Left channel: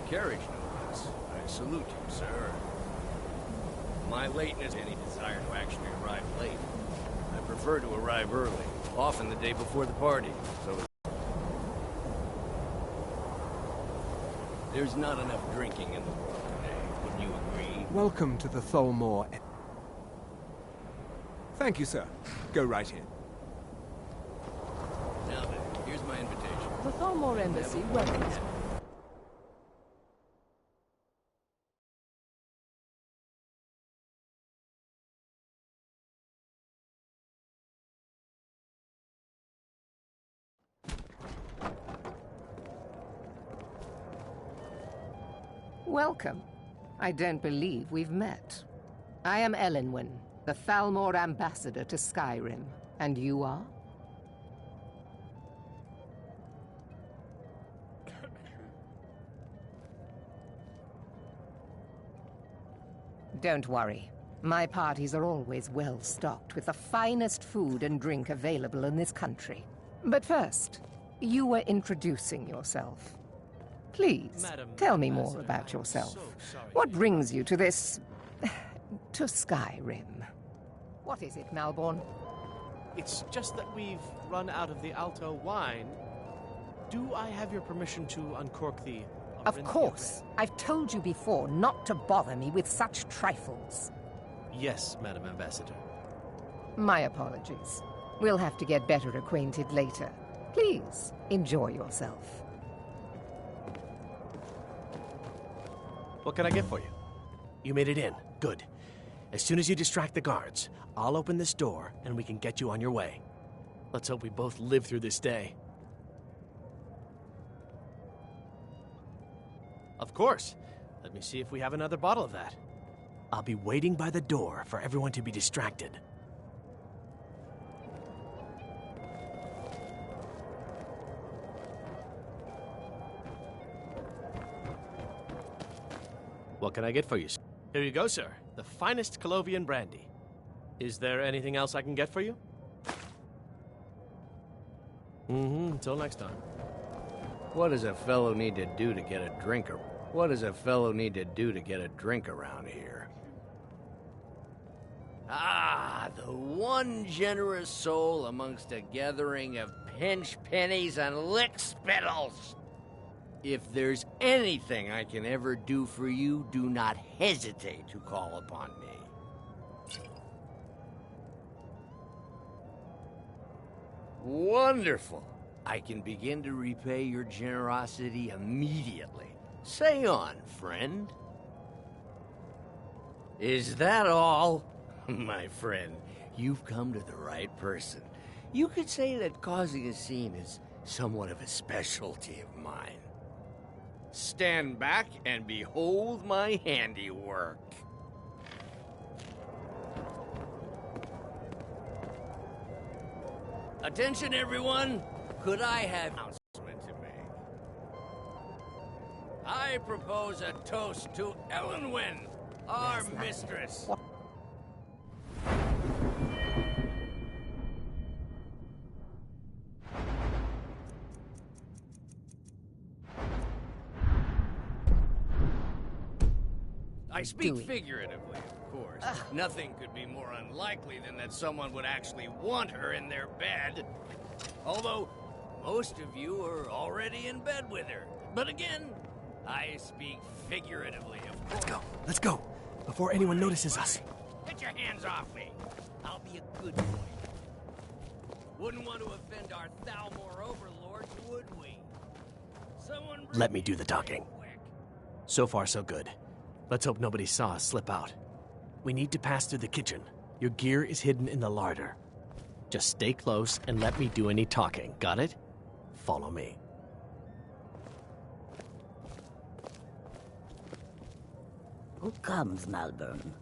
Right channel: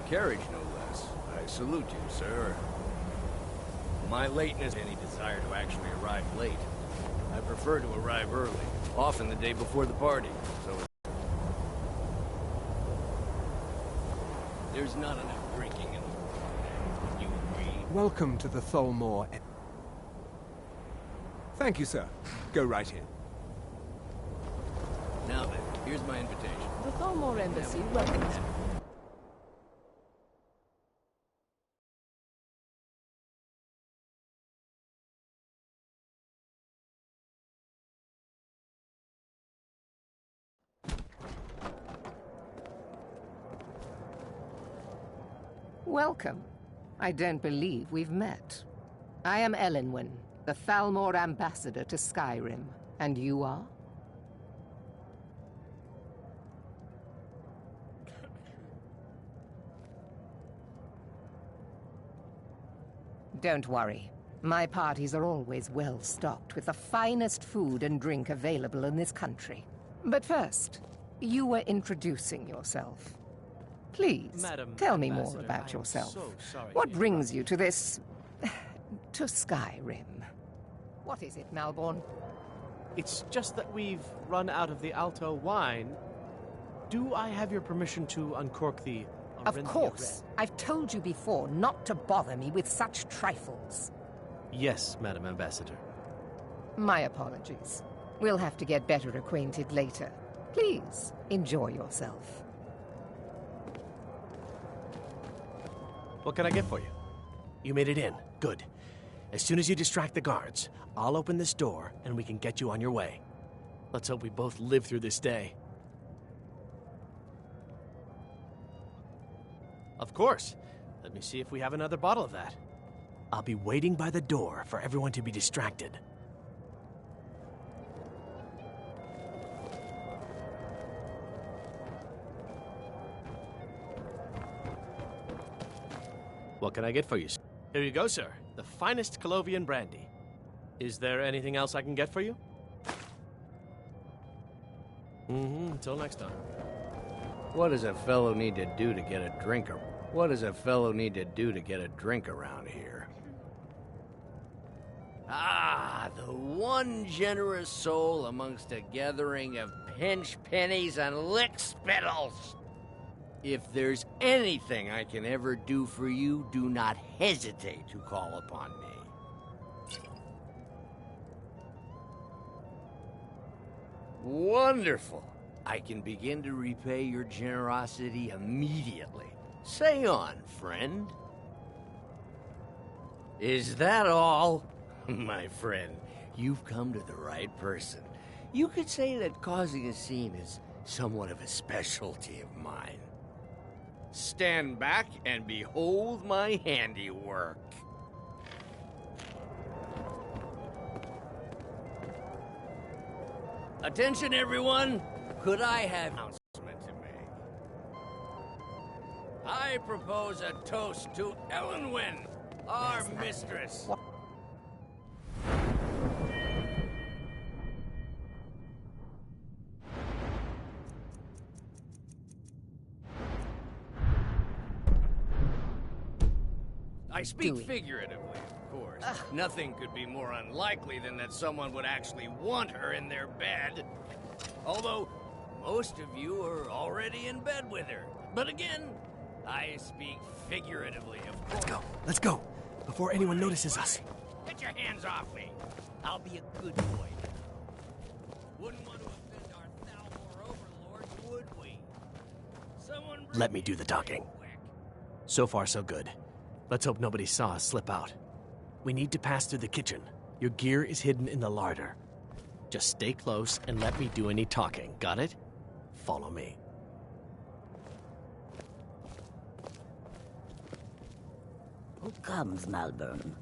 carriage, no less. I salute you, sir. My lateness, any desire to actually arrive late. I prefer to arrive early, often the day before the party, so there's not enough drinking in the world today. Wouldn't you agree? Welcome to the Tholmor. Thank you, sir. Go right in. Now then, here's my invitation. The Tholmor Embassy welcomes you. Welcome. I don't believe we've met. I am Elenwen, the Thalmor ambassador to Skyrim. And you are? Don't worry. My parties are always well stocked with the finest food and drink available in this country. But first, you were introducing yourself. Please, tell me more about yourself. What brings you to this... to Skyrim? What is it, Malborn? It's just that we've run out of the Alto wine. Do I have your permission to uncork the... Of course. I've told you before not to bother me with such trifles. Yes, Madam Ambassador. My apologies. We'll have to get better acquainted later. Please, enjoy yourself. What can I get for you? You made it in. Good. As soon as you distract the guards, I'll open this door and we can get you on your way. Let's hope we both live through this day. Of course. Let me see if we have another bottle of that. I'll be waiting by the door for everyone to be distracted. What can I get for you, sir? Here you go, sir. The finest Colovian brandy. Is there anything else I can get for you? Until next time. What does a fellow need to do to get a drink? What does a fellow need to do to get a drink around here? Ah, the one generous soul amongst a gathering of pinch pennies and lick spittles. If there's anything I can ever do for you, do not hesitate to call upon me. Wonderful. I can begin to repay your generosity immediately. Say on, friend. Is that all? My friend, you've come to the right person. You could say that causing a scene is somewhat of a specialty of mine. Stand back and behold my handiwork. Attention, everyone! Could I have an announcement to make? I propose a toast to Elenwen, our mistress. I speak figuratively, of course. Nothing could be more unlikely than that someone would actually want her in their bed. Although, most of you are already in bed with her. But again, I speak figuratively, of course. Let's go, before anyone notices us. Get your hands off me. I'll be a good boy. Wouldn't want to offend our Thalmor overlords, would we? Someone let me do the talking. So far, so good. Let's hope nobody saw us slip out. We need to pass through the kitchen. Your gear is hidden in the larder. Just stay close and let me do any talking. Got it? Follow me. Who comes, Malborn?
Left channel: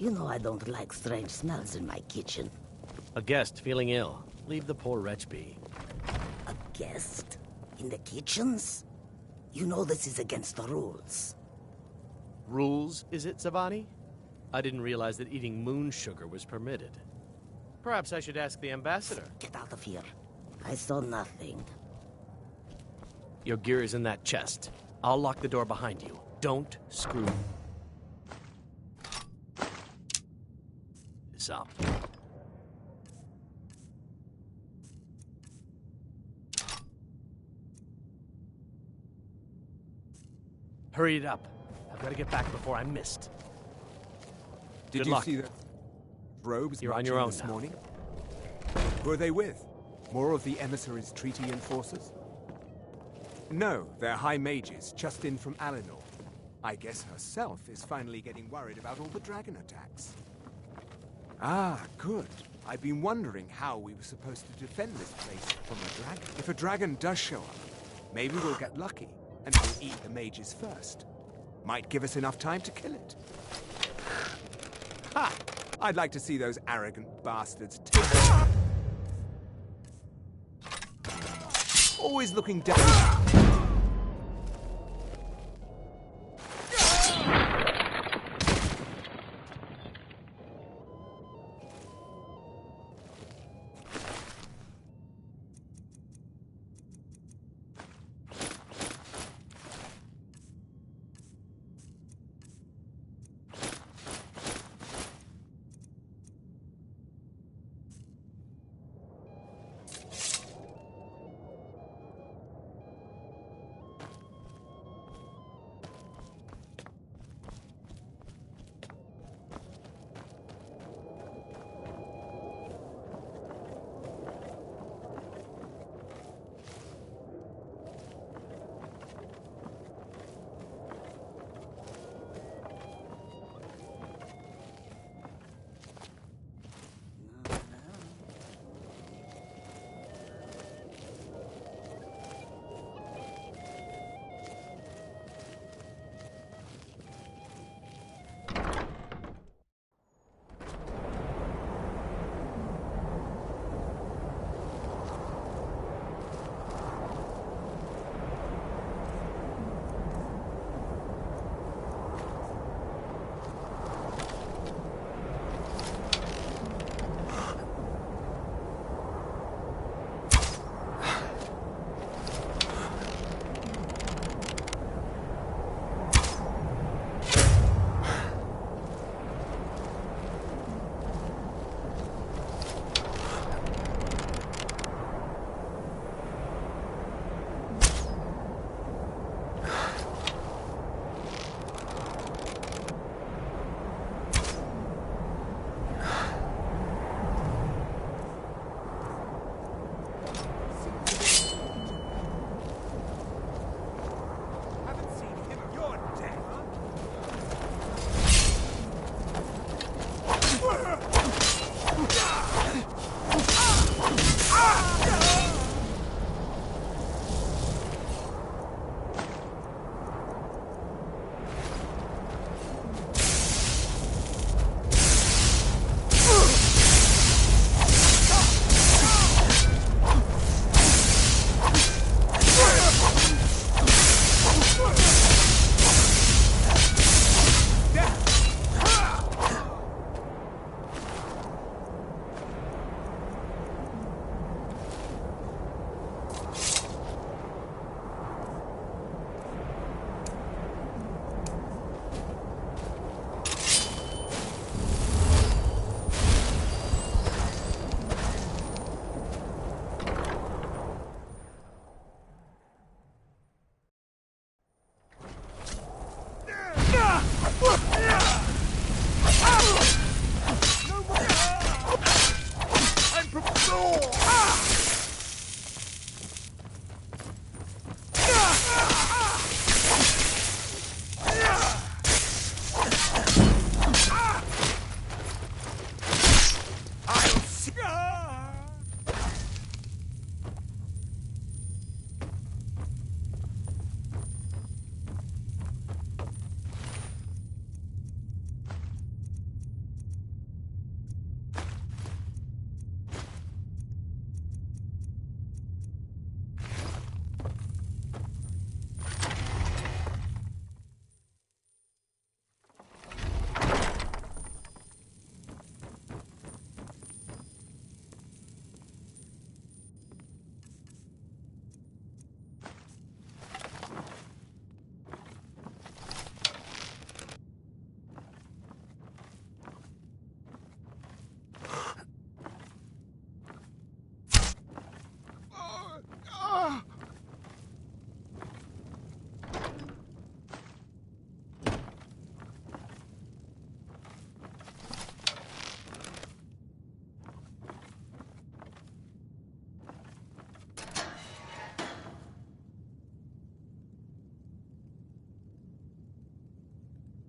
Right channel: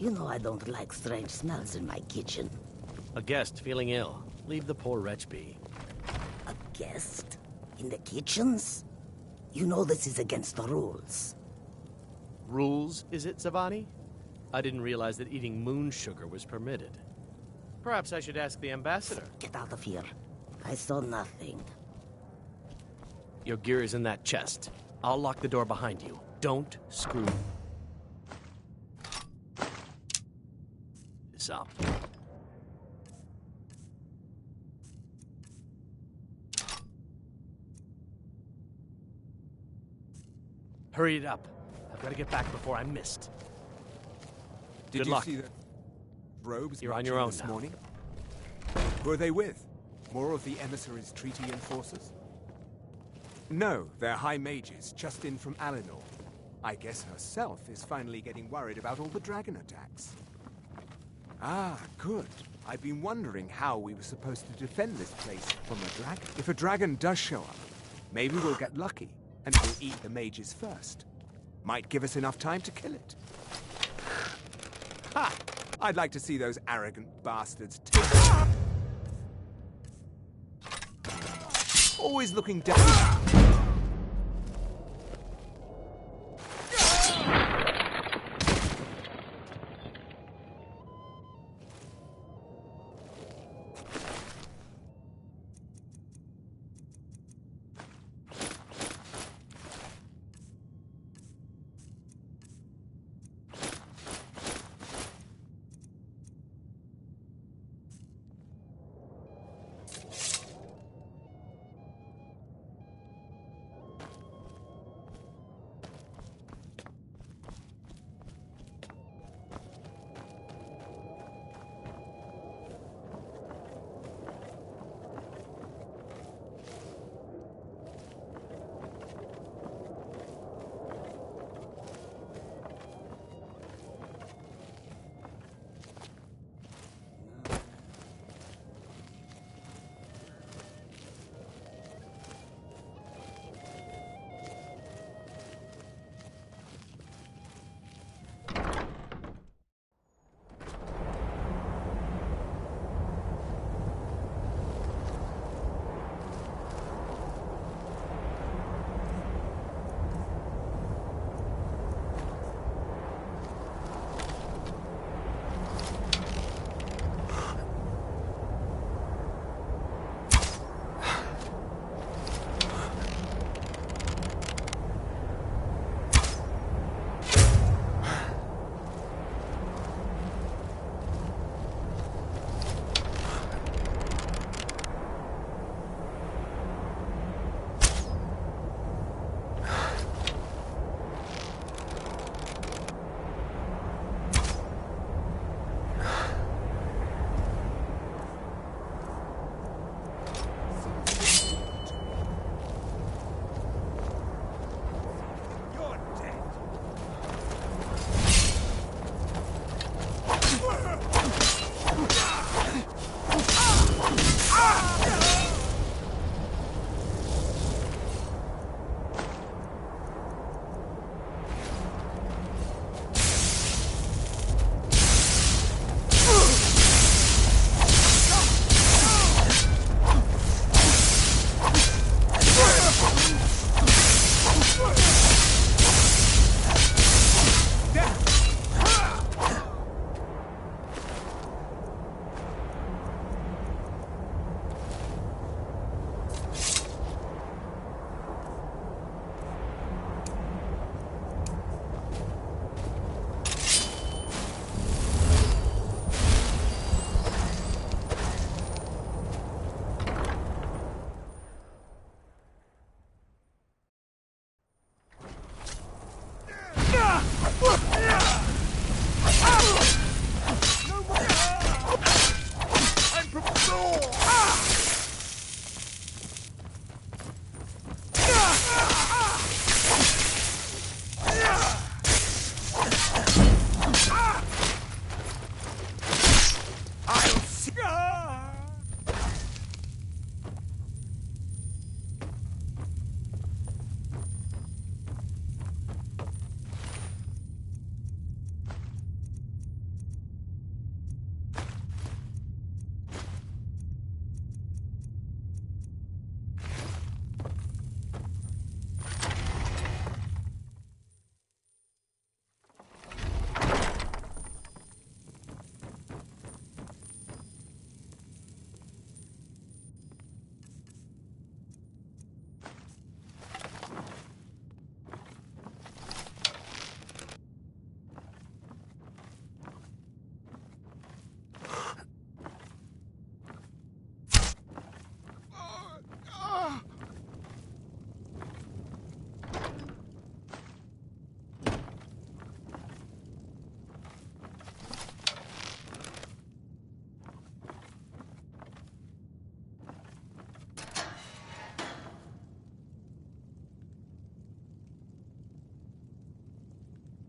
You know I don't like strange smells in my kitchen. A guest feeling ill. Leave the poor wretch be. A guest? In the kitchens? You know this is against the rules. Rules, is it, Zavani? I didn't realize that eating moon sugar was permitted. Perhaps I should ask the ambassador. Get out of here. I saw nothing. Your gear is in that chest. I'll lock the door behind you. Don't screw this up. Hurry it up. I've got to get back before I'm missed. Did Good you luck. see the robes You're on marching your own this now. morning? Who are they with? More of the emissaries' treaty enforcers? No, they're high mages, just in from Alinor. I guess herself is finally getting worried about all the dragon attacks. Ah, good. I've been wondering how we were supposed to defend this place from a dragon. If a dragon does show up, maybe we'll get lucky, and we'll eat the mages first. Might give us enough time to kill it. Ha! I'd like to see those arrogant bastards take it. Always looking down.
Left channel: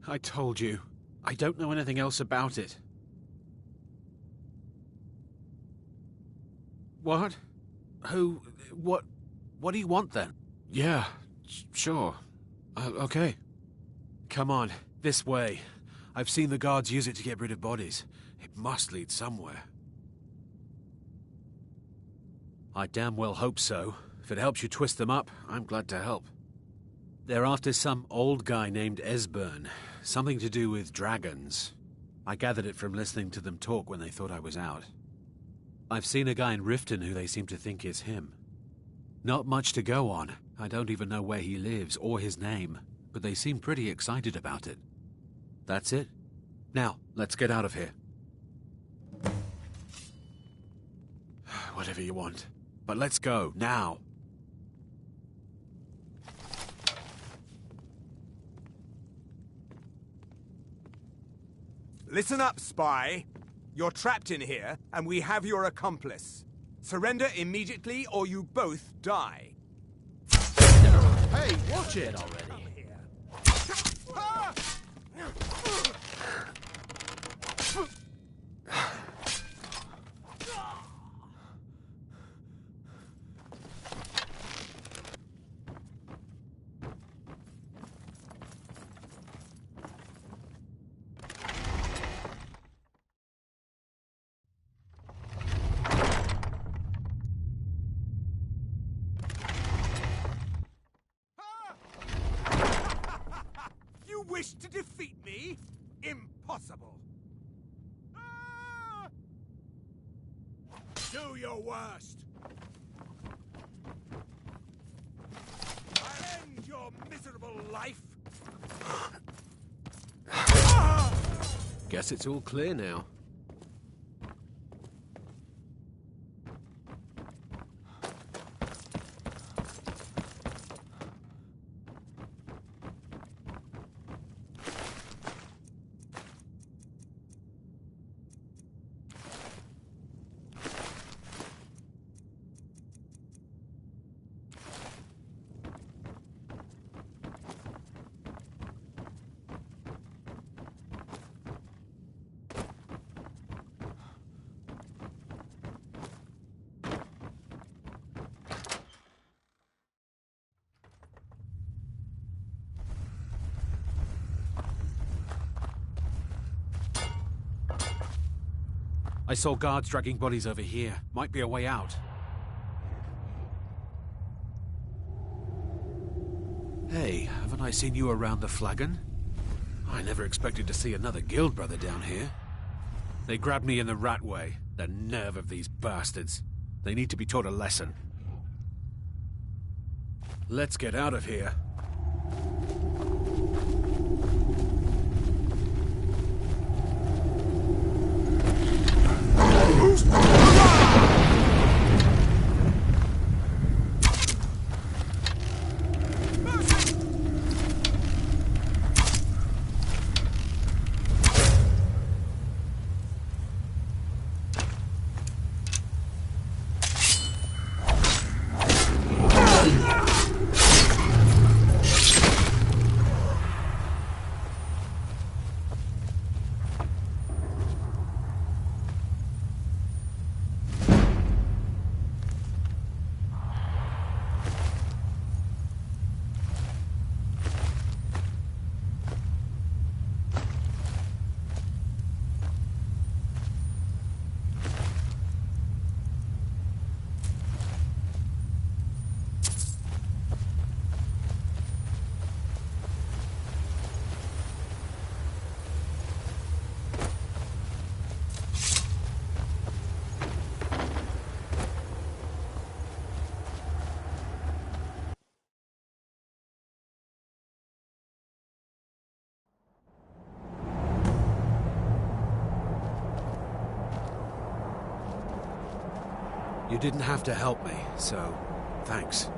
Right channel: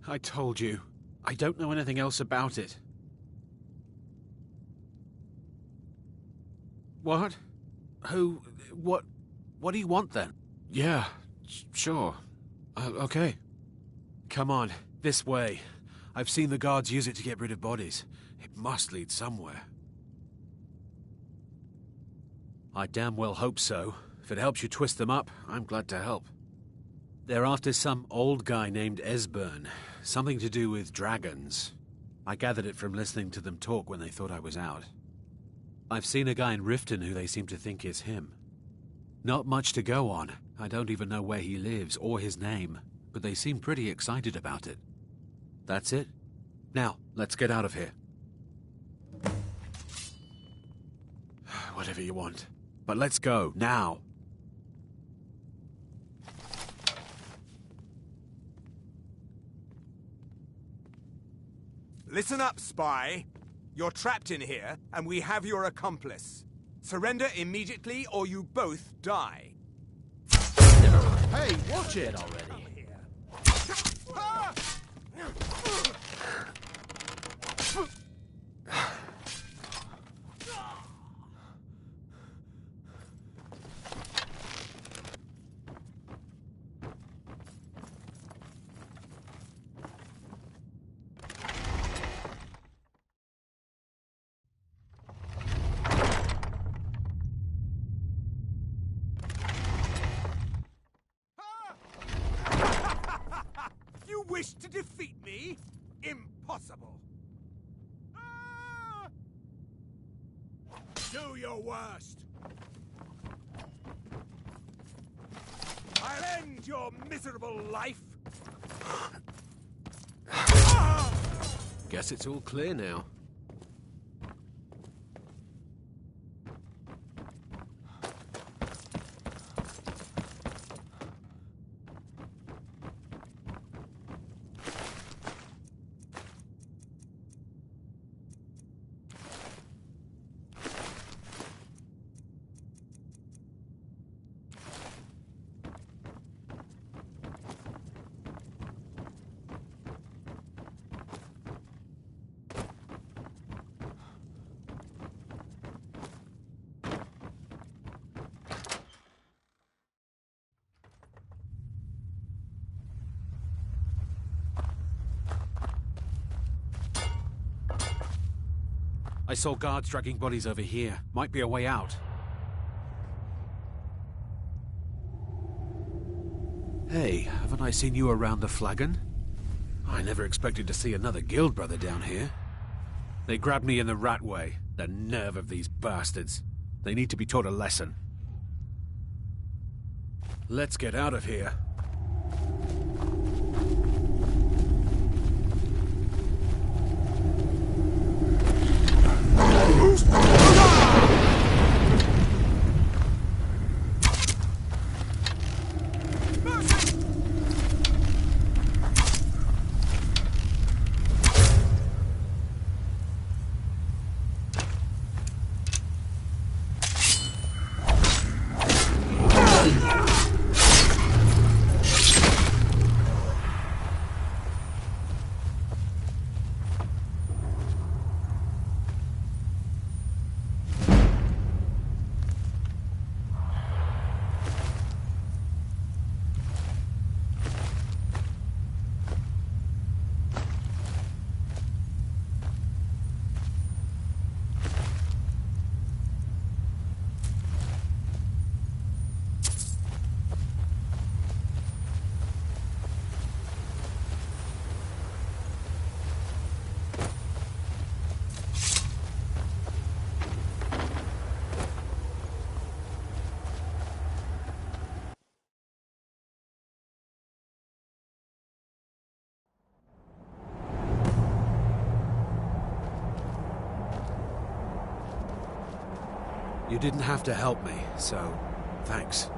I told you. I don't know anything else about it. What? Who? What do you want then? Yeah, sure. Okay. Come on, this way. I've seen the guards use it to get rid of bodies. It must lead somewhere. I damn well hope so. If it helps you twist them up, I'm glad to help. They're after some old guy named Esbern. Something to do with dragons. I gathered it from listening to them talk when they thought I was out. I've seen a guy in Riften who they seem to think is him. Not much to go on. I don't even know where he lives or his name, but they seem pretty excited about it. That's it. Now, let's get out of here. Whatever you want. But let's go, now. Listen up, spy. You're trapped in here, and we have your accomplice. Surrender immediately, or you both die. Hey, watch it already. You wish to defeat me? Impossible. Do your worst. I'll end your miserable life. Guess it's all clear now. I saw guards dragging bodies over here. Might be a way out. Hey, haven't I seen you around the flagon? I never expected to see another guild brother down here. They grabbed me in the rat way. The nerve of these bastards. They need to be taught a lesson. Let's get out of here. You didn't have to help me, so thanks.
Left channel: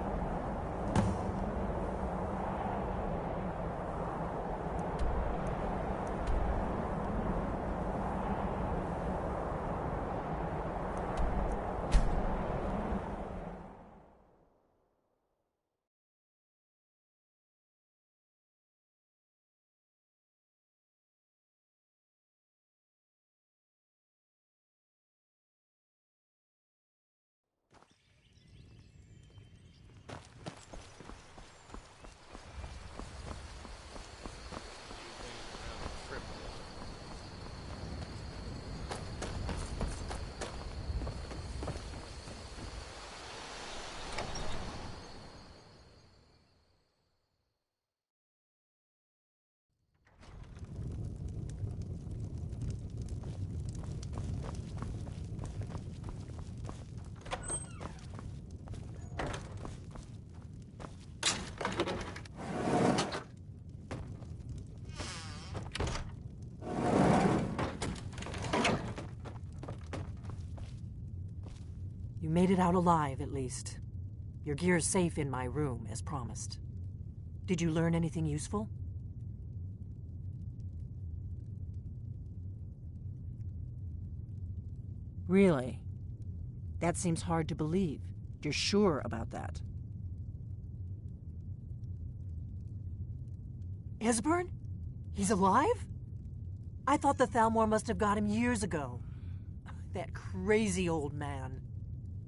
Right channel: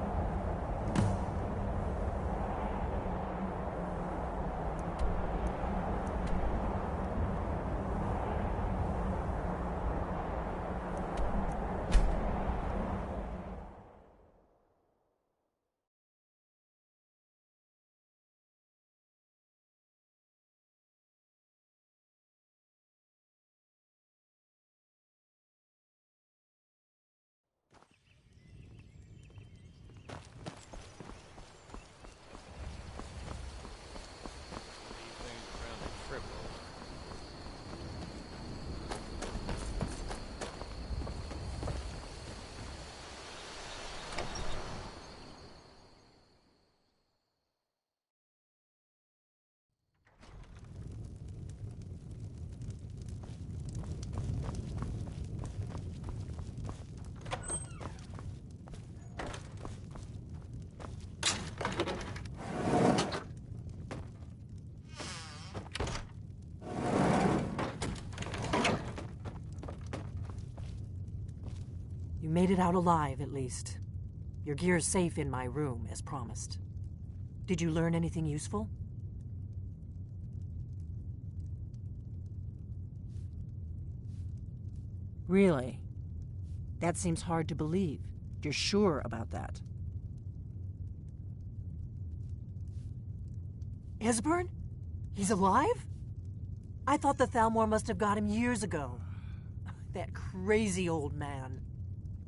made it out alive, at least. Your gear's safe in my room, as promised. Did you learn anything useful? Really? That seems hard to believe. You're sure about that? Esbern? He's alive? I thought the Thalmor must have got him years ago. That crazy old man.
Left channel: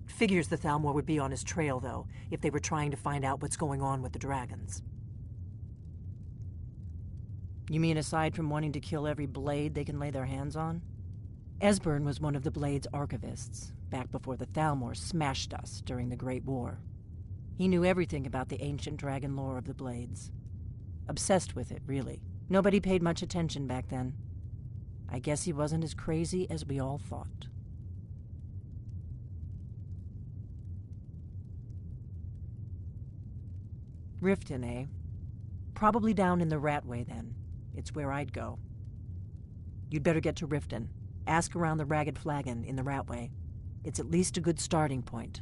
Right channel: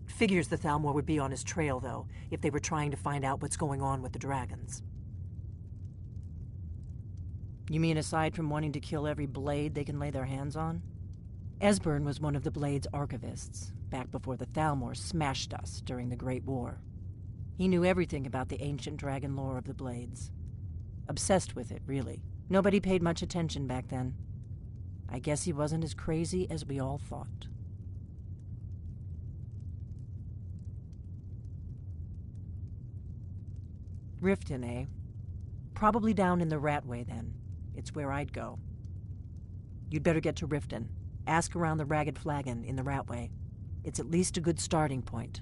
Figures the Thalmor would be on his trail, though, if they were trying to find out what's going on with the dragons. You mean aside from wanting to kill every blade they can lay their hands on? Esbern was one of the Blade's archivists, back before the Thalmor smashed us during the Great War. He knew everything about the ancient dragon lore of the Blades. Obsessed with it, really. Nobody paid much attention back then. I guess he wasn't as crazy as we all thought. Riften, eh? Probably down in the Ratway, then. It's where I'd go. You'd better get to Riften. Ask around the Ragged Flagon in the Ratway. It's at least a good starting point.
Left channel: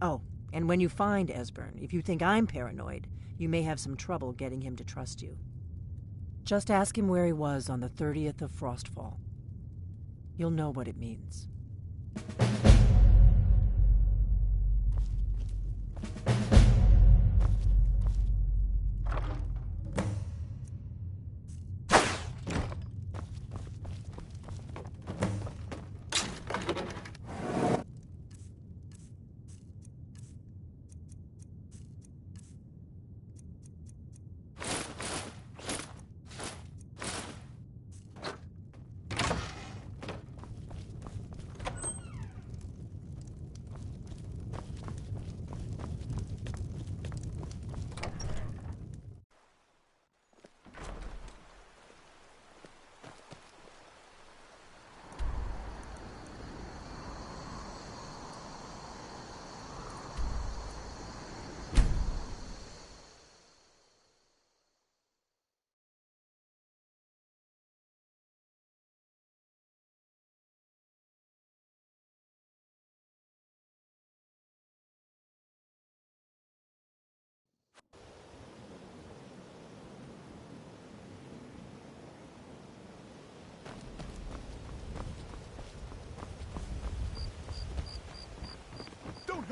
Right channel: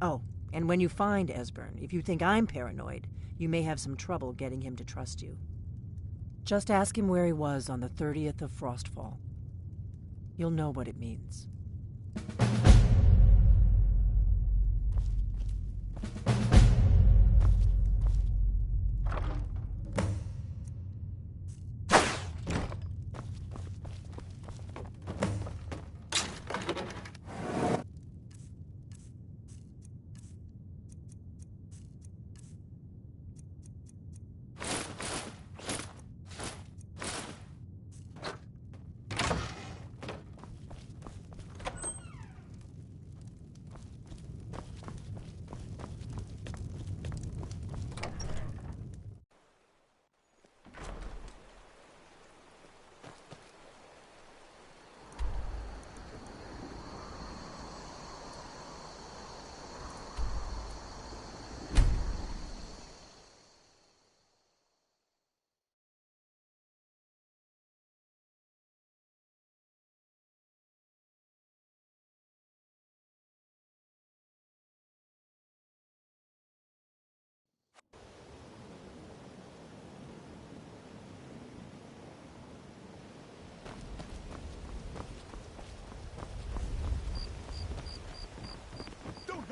Oh, and when you find Esbern, if you think I'm paranoid, you may have some trouble getting him to trust you. Just ask him where he was on the 30th of Frostfall. You'll know what it means.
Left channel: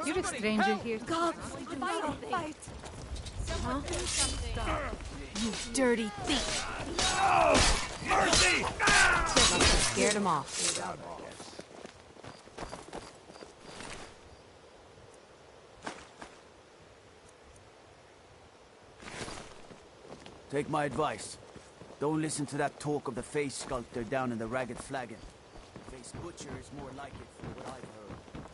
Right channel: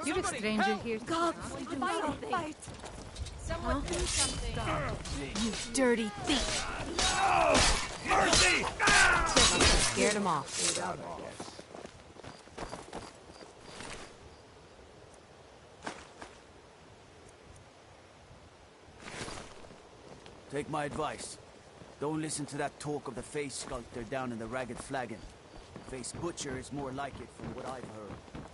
You're a stranger here. God, fight! Someone do something. You dirty thief! Mercy! Scared him off. Take my advice. Don't listen to that talk of the face sculptor down in the Ragged Flagon. Face butcher is more like it from what I've heard.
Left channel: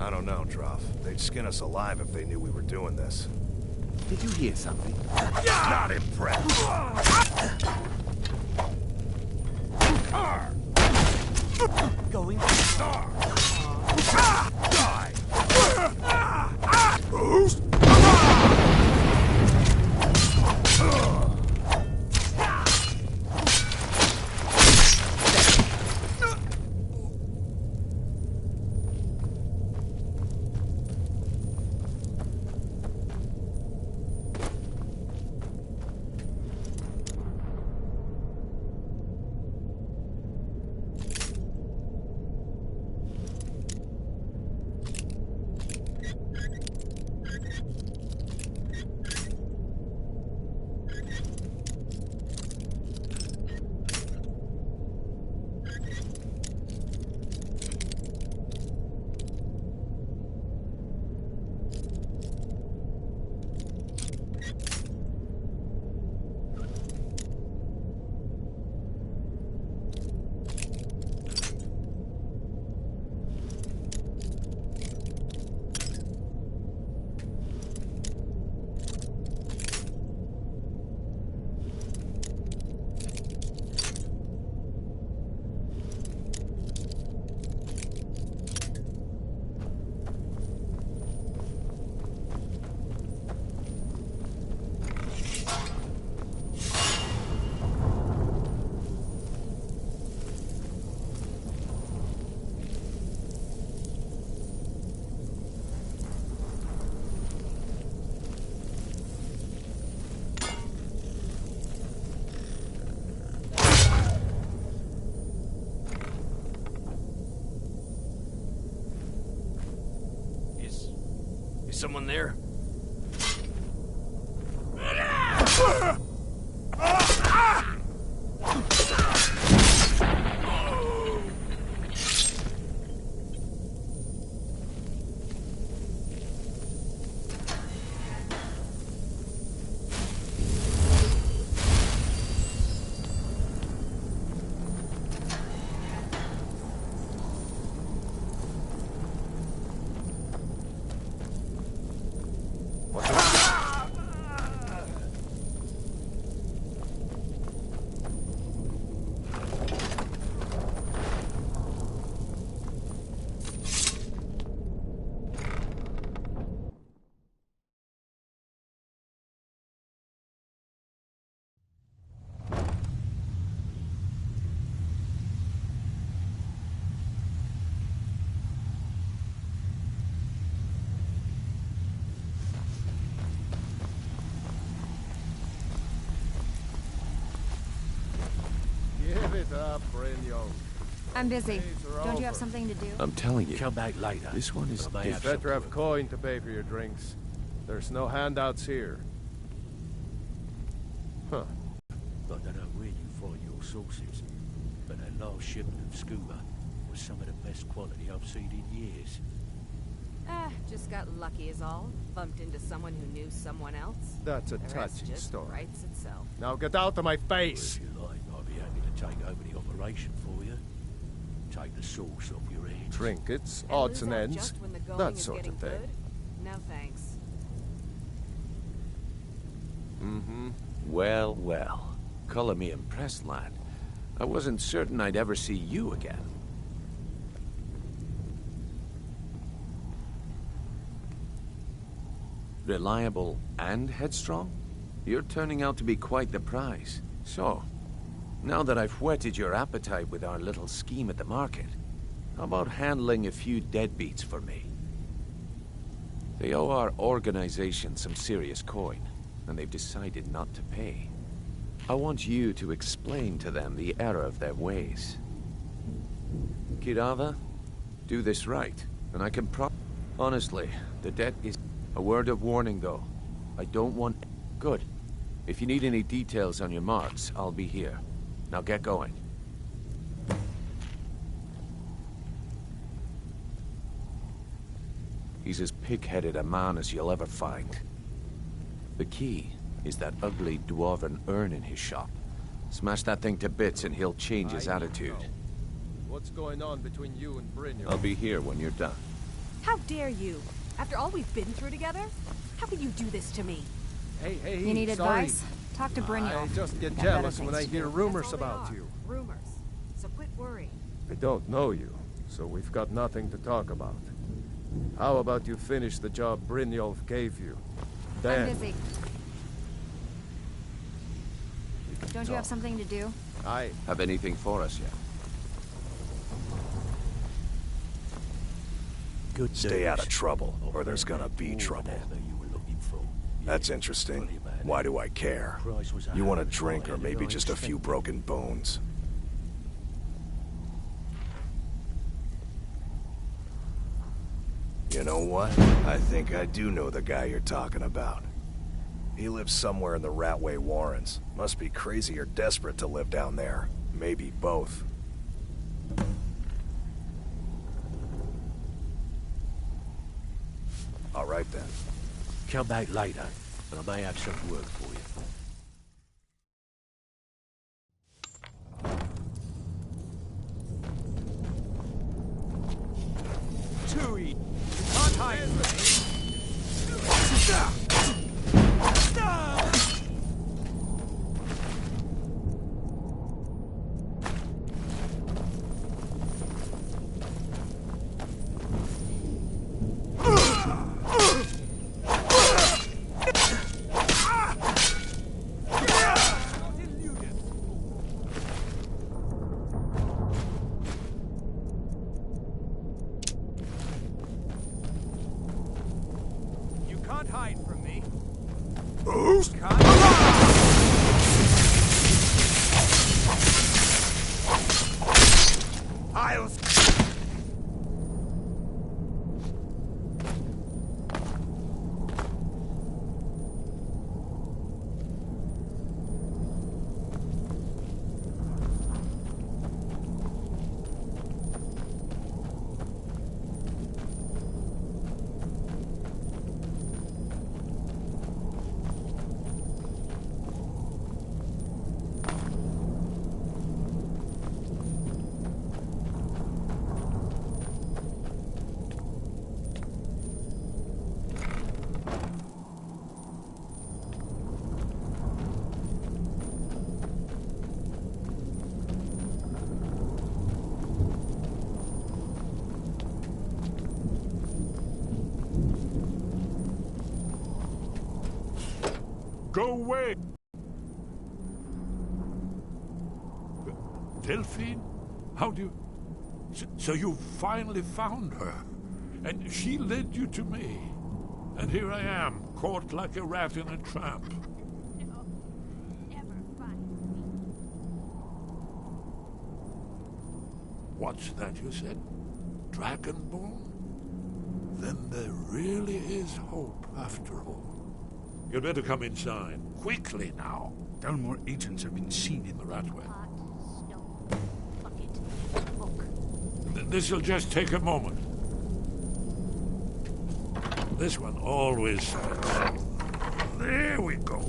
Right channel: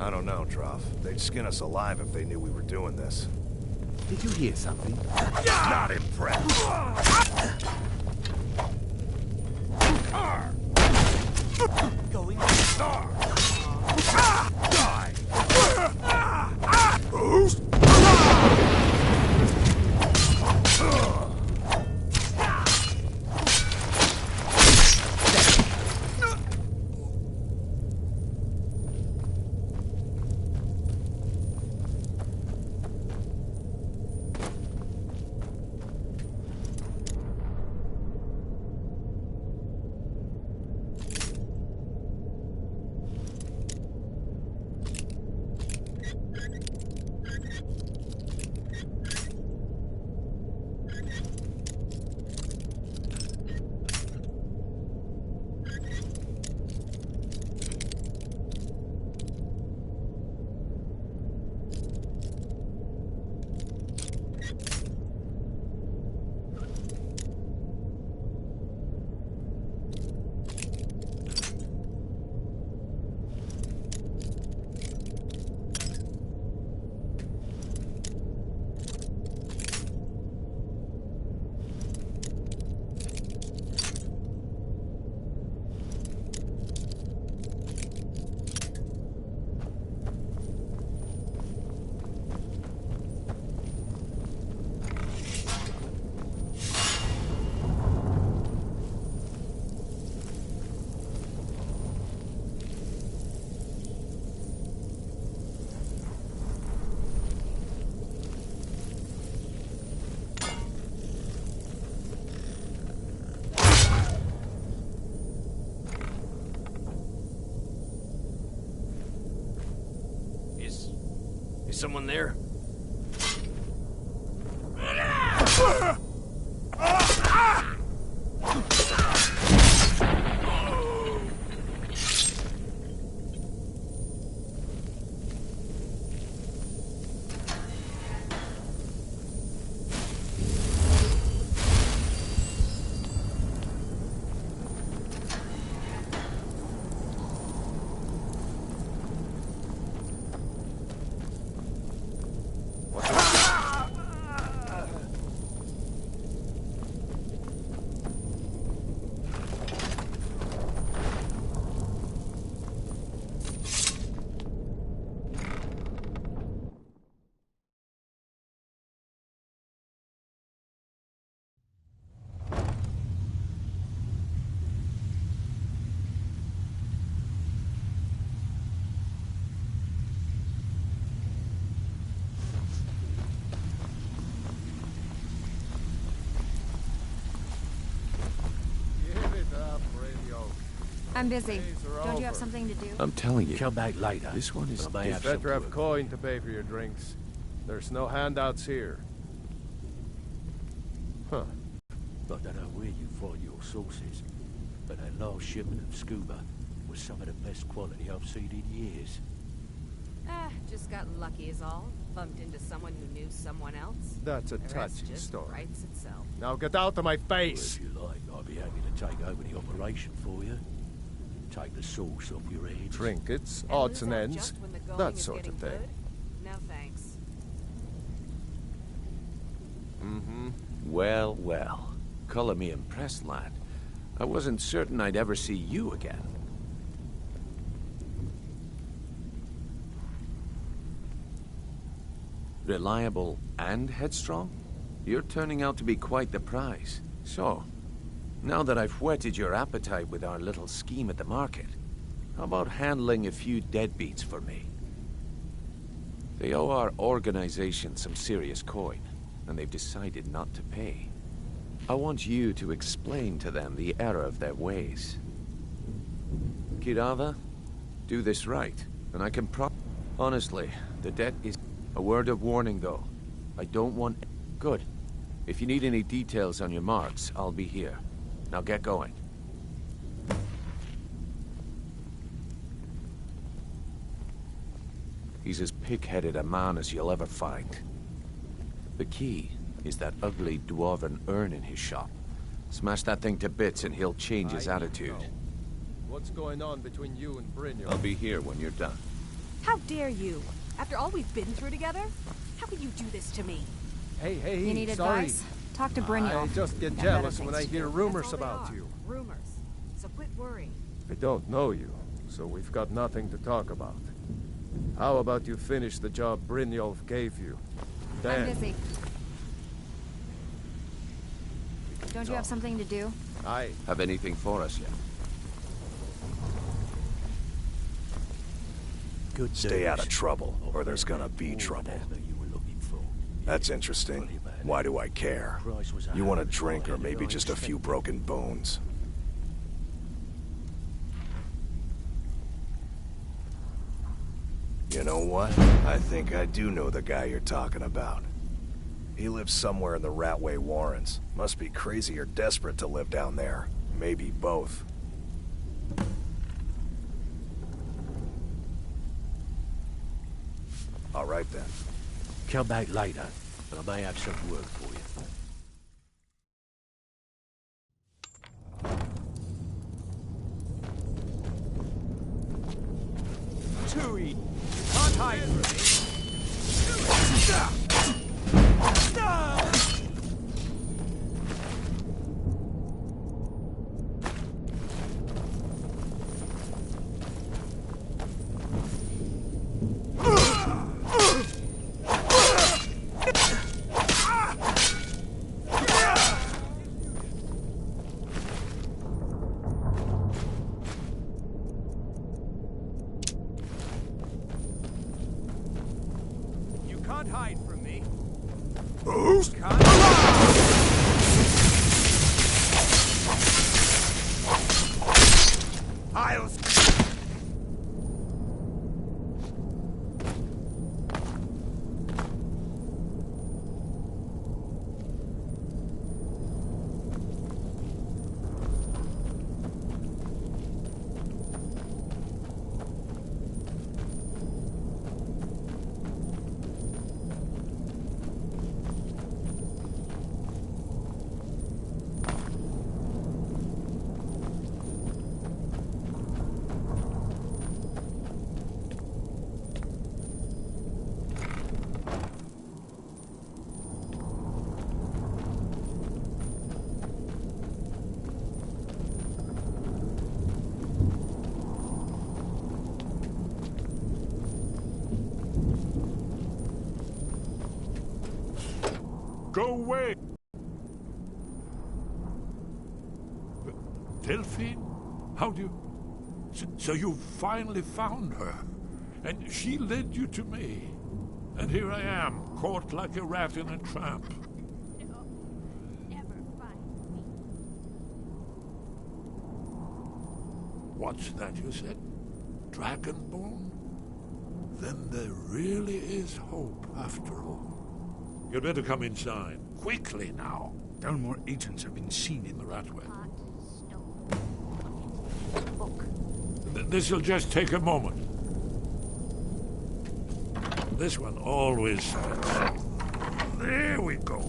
I don't know, Trough. They'd skin us alive if they knew we were doing this. Did you hear something? Not impressed! Going Die! someone there? Give it up, Brynjolf. I'm busy. Don't you have something to do? I'm telling you. Come back later. This one is I may have Better have some coin to pay for your drinks. There's no handouts here. Huh. I don't know where you find your sources, but that last shipment of scuba was some of the best quality I've seen in years. Just got lucky is all. Bumped into someone who knew someone else. That's a The rest touching just story. writes itself. Now get out of my Well, face! if you like, I'd be happy to take over the operation for you. Take the sauce off your head. Trinkets, And odds lose and out ends, just when the going that is sort of getting thing. good? No thanks. Mm-hmm. Well, well. Color me impressed, lad. I wasn't certain I'd ever see you again. Reliable and headstrong? You're turning out to be quite the prize. So, now that I've whetted your appetite with our little scheme at the market, how about handling a few deadbeats for me? They owe our organization some serious coin, and they've decided not to pay. I want you to explain to them the error of their ways. Kirava, do this right, and I can Honestly, the debt is... A word of warning, though. I don't want... Good. If you need any details on your marks, I'll be here. Now get going. He's as pig-headed a man as you'll ever find. The key is that ugly dwarven urn in his shop. Smash that thing to bits and he'll change his attitude. What's going on between you and Brynjolf? I'll be here when you're done. How dare you? After all we've been through together? How could you do this to me? Hey, You need sorry. advice? Talk to Brynjolf. I just get Got better jealous when things I to hear do. rumors That's all they about are. you. Rumors. So quit worrying. I don't know you, so we've got nothing to talk about. How about you finish the job Brynjolf gave you? Then I'm busy. Don't you have something to do? I have anything for us yet? Good Stay out news. of trouble, or there's gonna be trouble. That's interesting. Why do I care? You want a drink or maybe just a few broken bones? You know what? I think I do know the guy you're talking about. He lives somewhere in the Ratway Warrens. Must be crazy or desperate to live down there. Maybe both. All right then. Come back later, and I may have some work for you. Tui, you can't hide from can't hide from me. Who's? I'll... Go away! Delphine? How do you... So you finally found her, and she led you to me. And here I am, caught like a rat in a trap. No, never find me. What's that you said? Dragonborn? Then there really is hope, after all. You'd better come inside. Quickly now. Dalmor agents have been seen in the Ratway. Pot, stove, bucket, book. This'll just take a moment. This one always starts. There we go.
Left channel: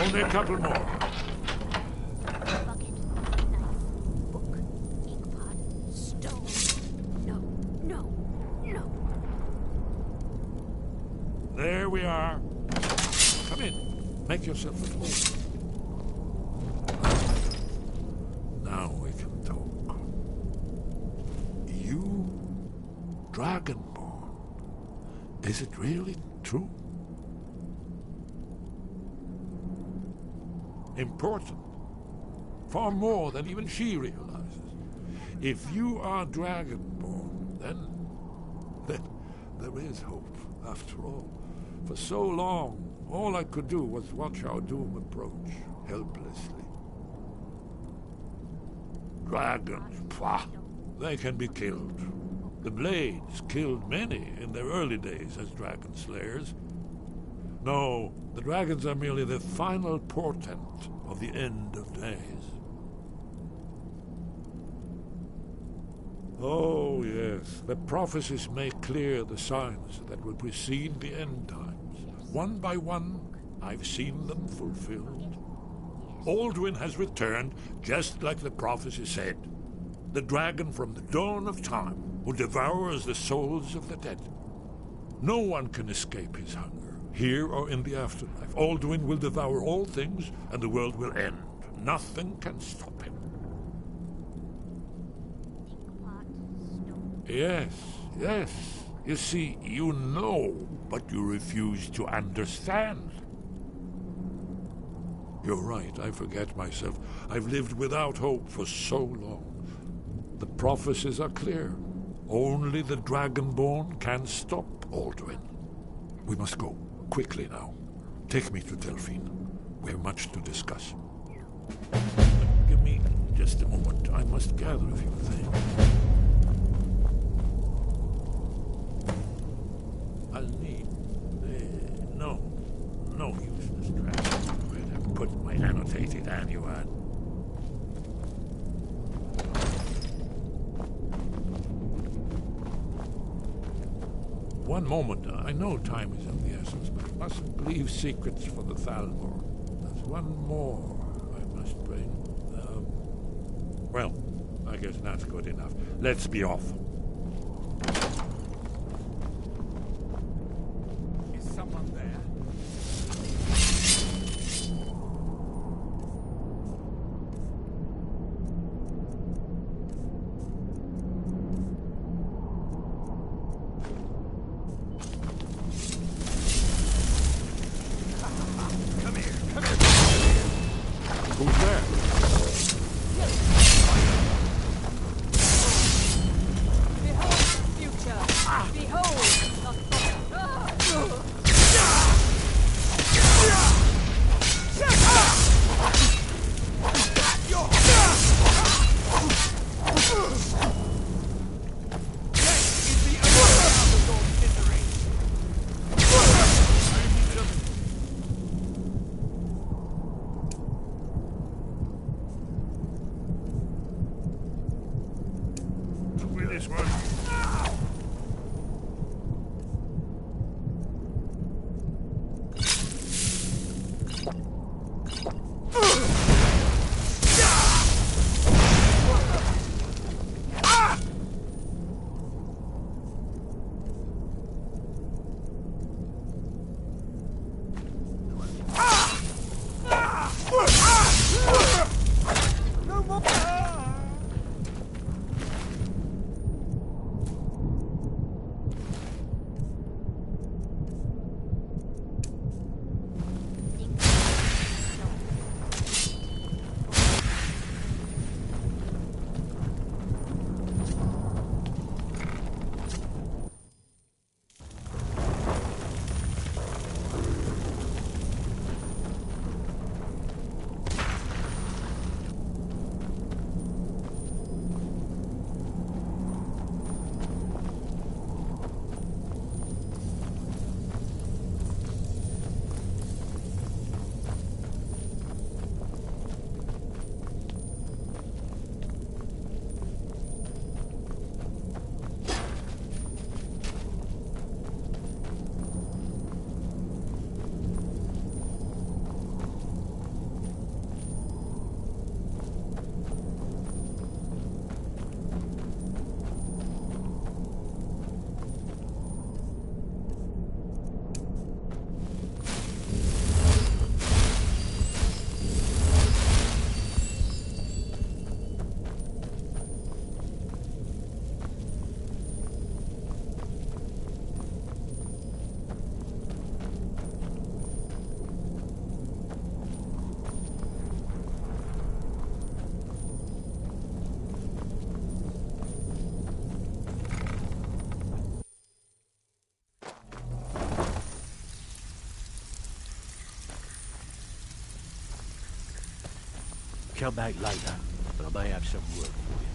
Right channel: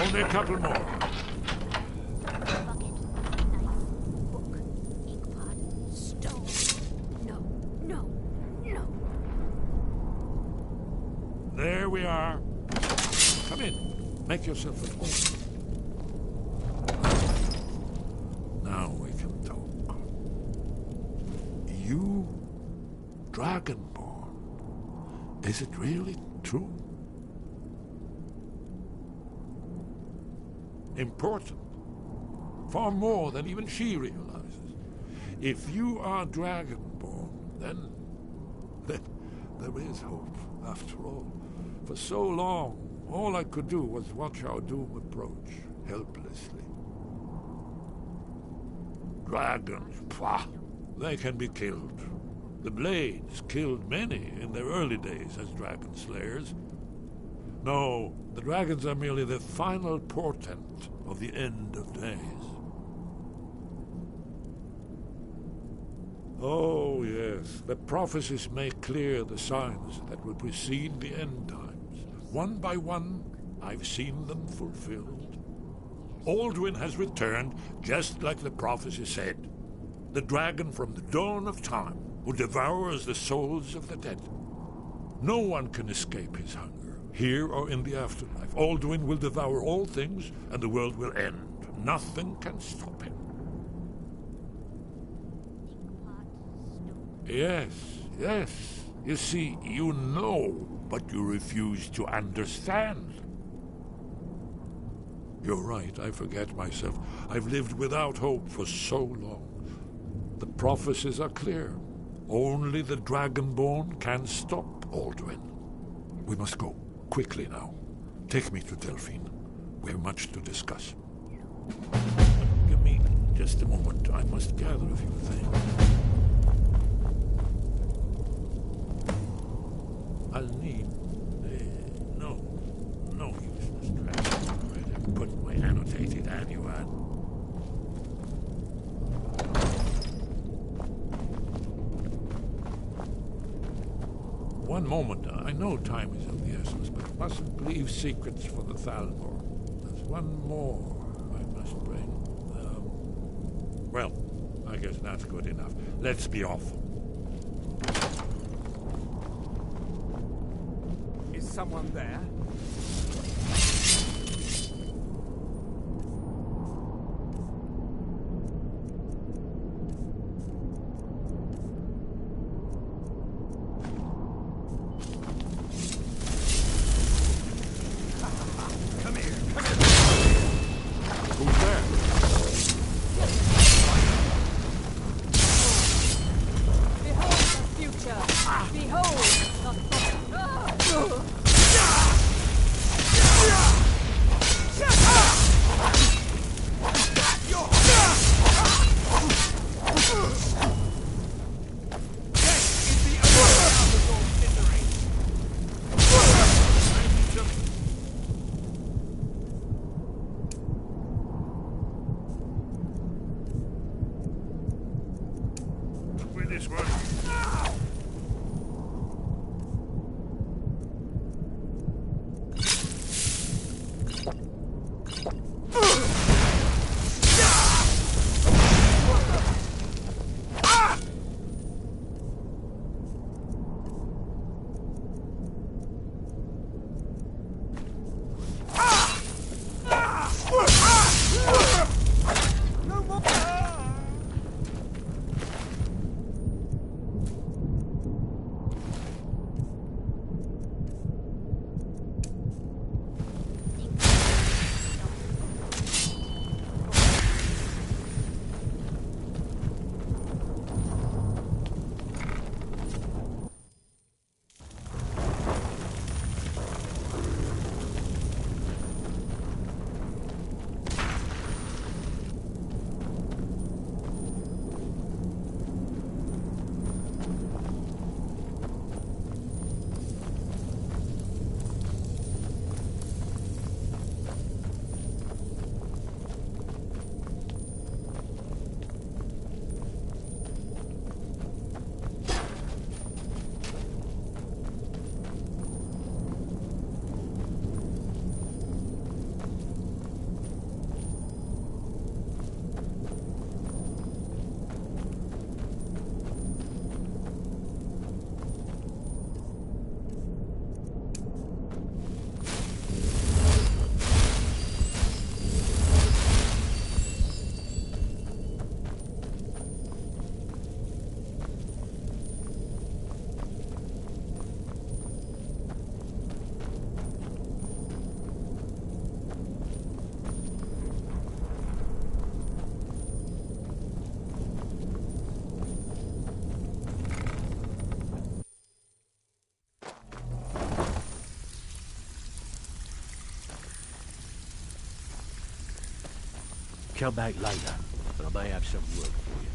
Only a couple more. Bucket, knife, book, ink pot, stove. No, no, no. There we are. Come in. Make yourself at home. Now we can talk. You, Dragonborn. Is it really true? Important. Far more than even she realizes. If you are Dragonborn, then there is hope, after all. For so long, all I could do was watch our doom approach, helplessly. Dragons, pah! They can be killed. The Blades killed many in their early days as dragon slayers. No, the dragons are merely the final portent of the end of days. Oh, yes, the prophecies make clear the signs that will precede the end times. One by one, I've seen them fulfilled. Alduin has returned, just like the prophecy said. The dragon from the dawn of time, who devours the souls of the dead. No one can escape his hunger, here or in the afterlife. Alduin will devour all things, and the world will end. Nothing can stop him. Yes, yes. You see, you know, but you refuse to understand. You're right, I forget myself. I've lived without hope for so long. The prophecies are clear. Only the Dragonborn can stop Alduin. We must go, quickly now. Take me to Delphine. We have much to discuss. Give me just a moment. I must gather a few things. I'll need... no useless trash. I'd put my annotated annual. One moment. I know time is of the essence, but mustn't leave secrets for the Thalmor. There's one more I must bring. Well, I guess that's good enough. Let's be off. Is someone there? Come back later, but I may have some work for you.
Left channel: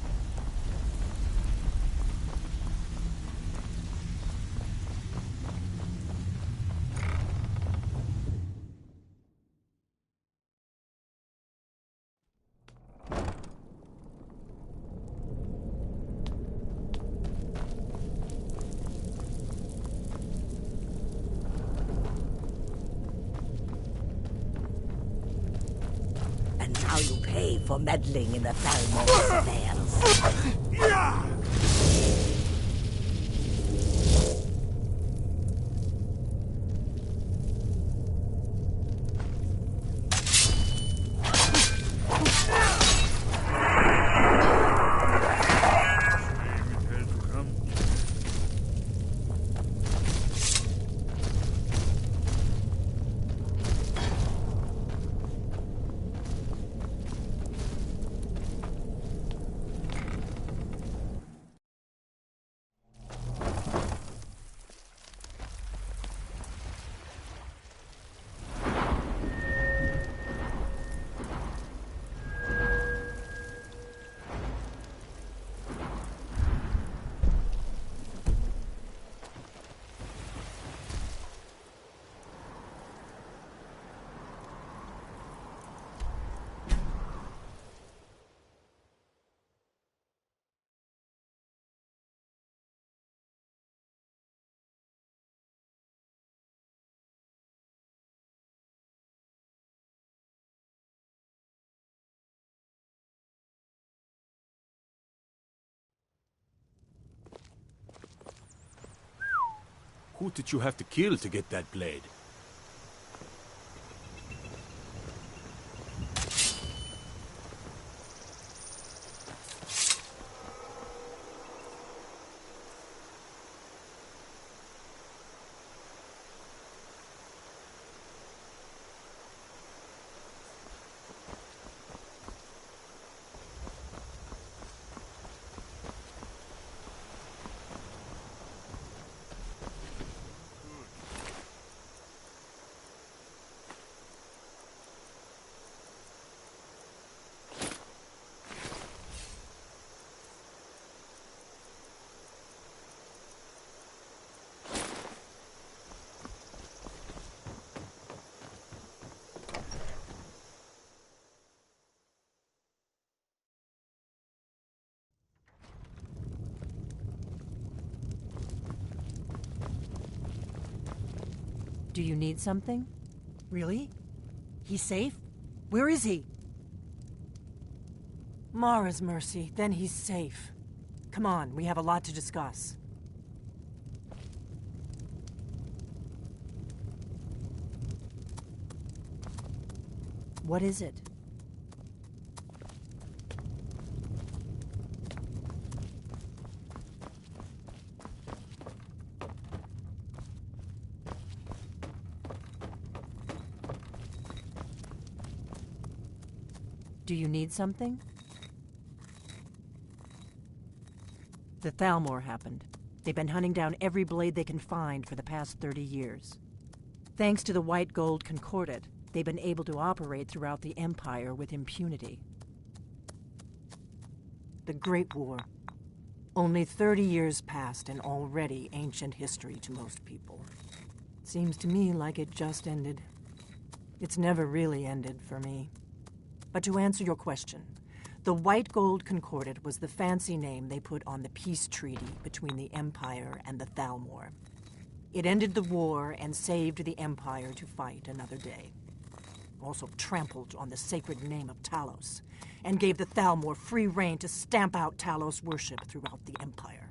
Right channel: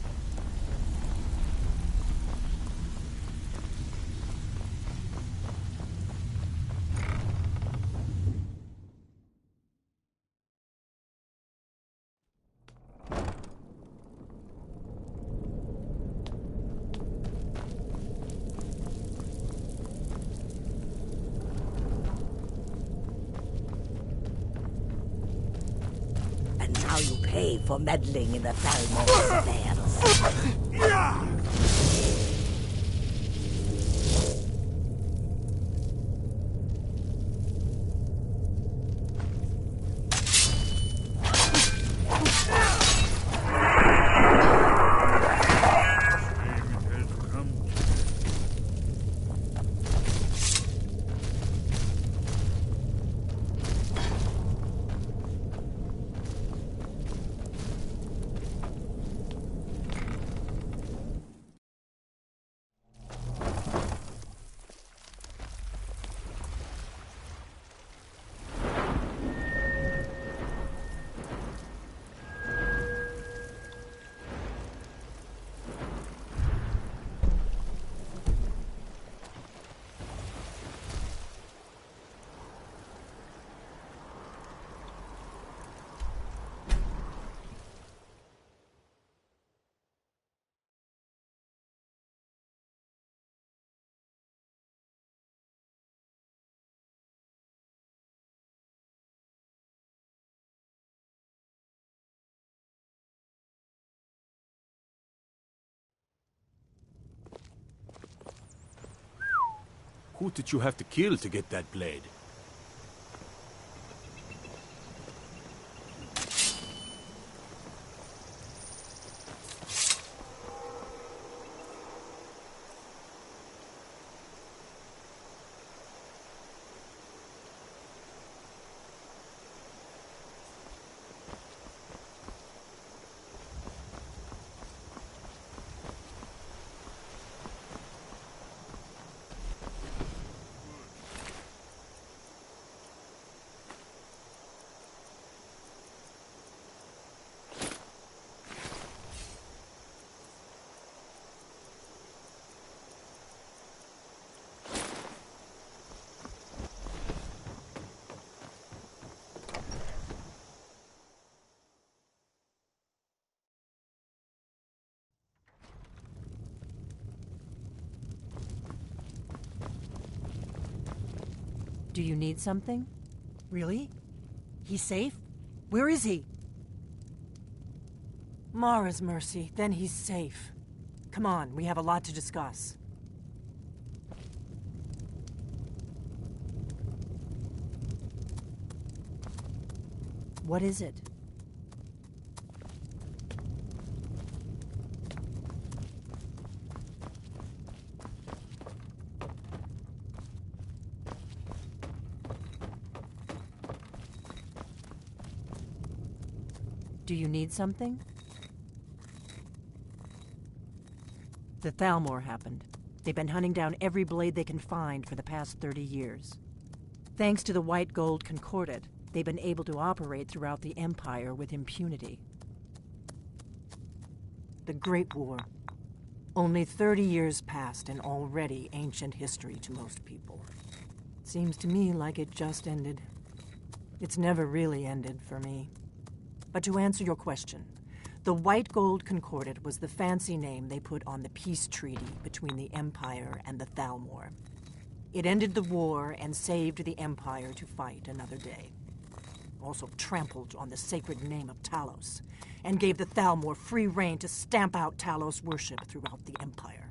And now you pay for meddling in the Thalmor's affairs. Who did you have to kill to get that blade? Do you need something? Really? He's safe? Where is he? Mara's mercy, then he's safe. Come on, we have a lot to discuss. What is it? Do you need something? The Thalmor happened. They've been hunting down every blade they can find for the past 30 years. Thanks to the White Gold Concordat, they've been able to operate throughout the Empire with impunity. The Great War. Only 30 years passed and already ancient history to most people. Seems to me like it just ended. It's never really ended for me. But to answer your question, the White Gold Concordat was the fancy name they put on the peace treaty between the Empire and the Thalmor. It ended the war and saved the Empire to fight another day. Also trampled on the sacred name of Talos, and gave the Thalmor free rein to stamp out Talos worship throughout the Empire.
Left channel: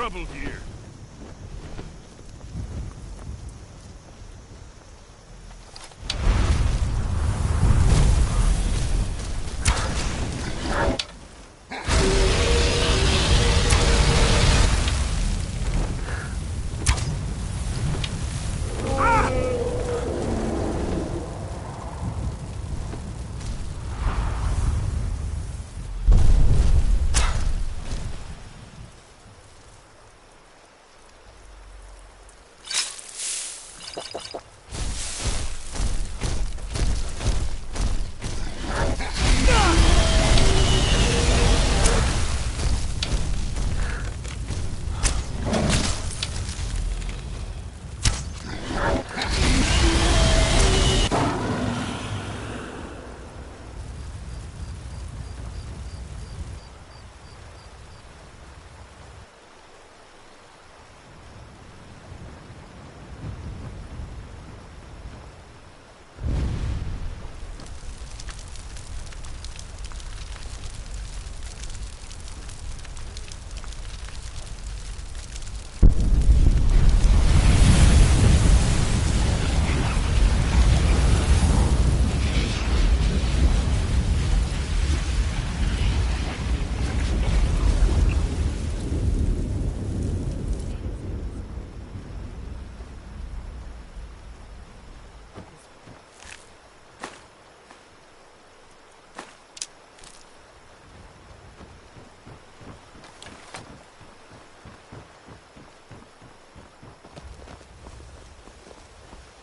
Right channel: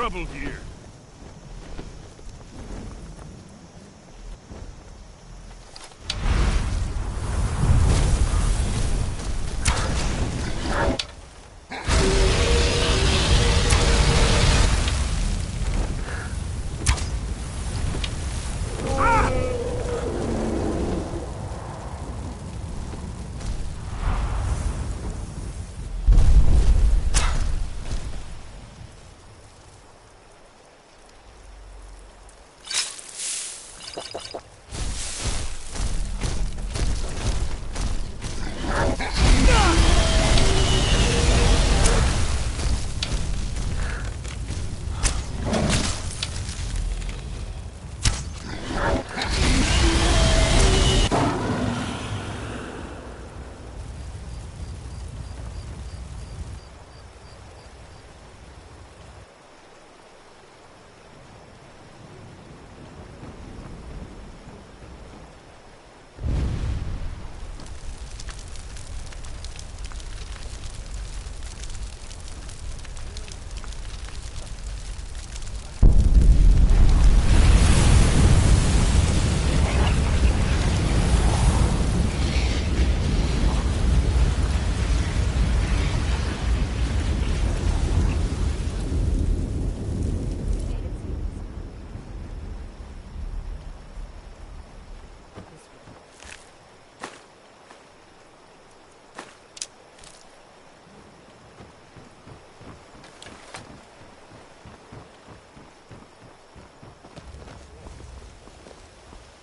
trouble here.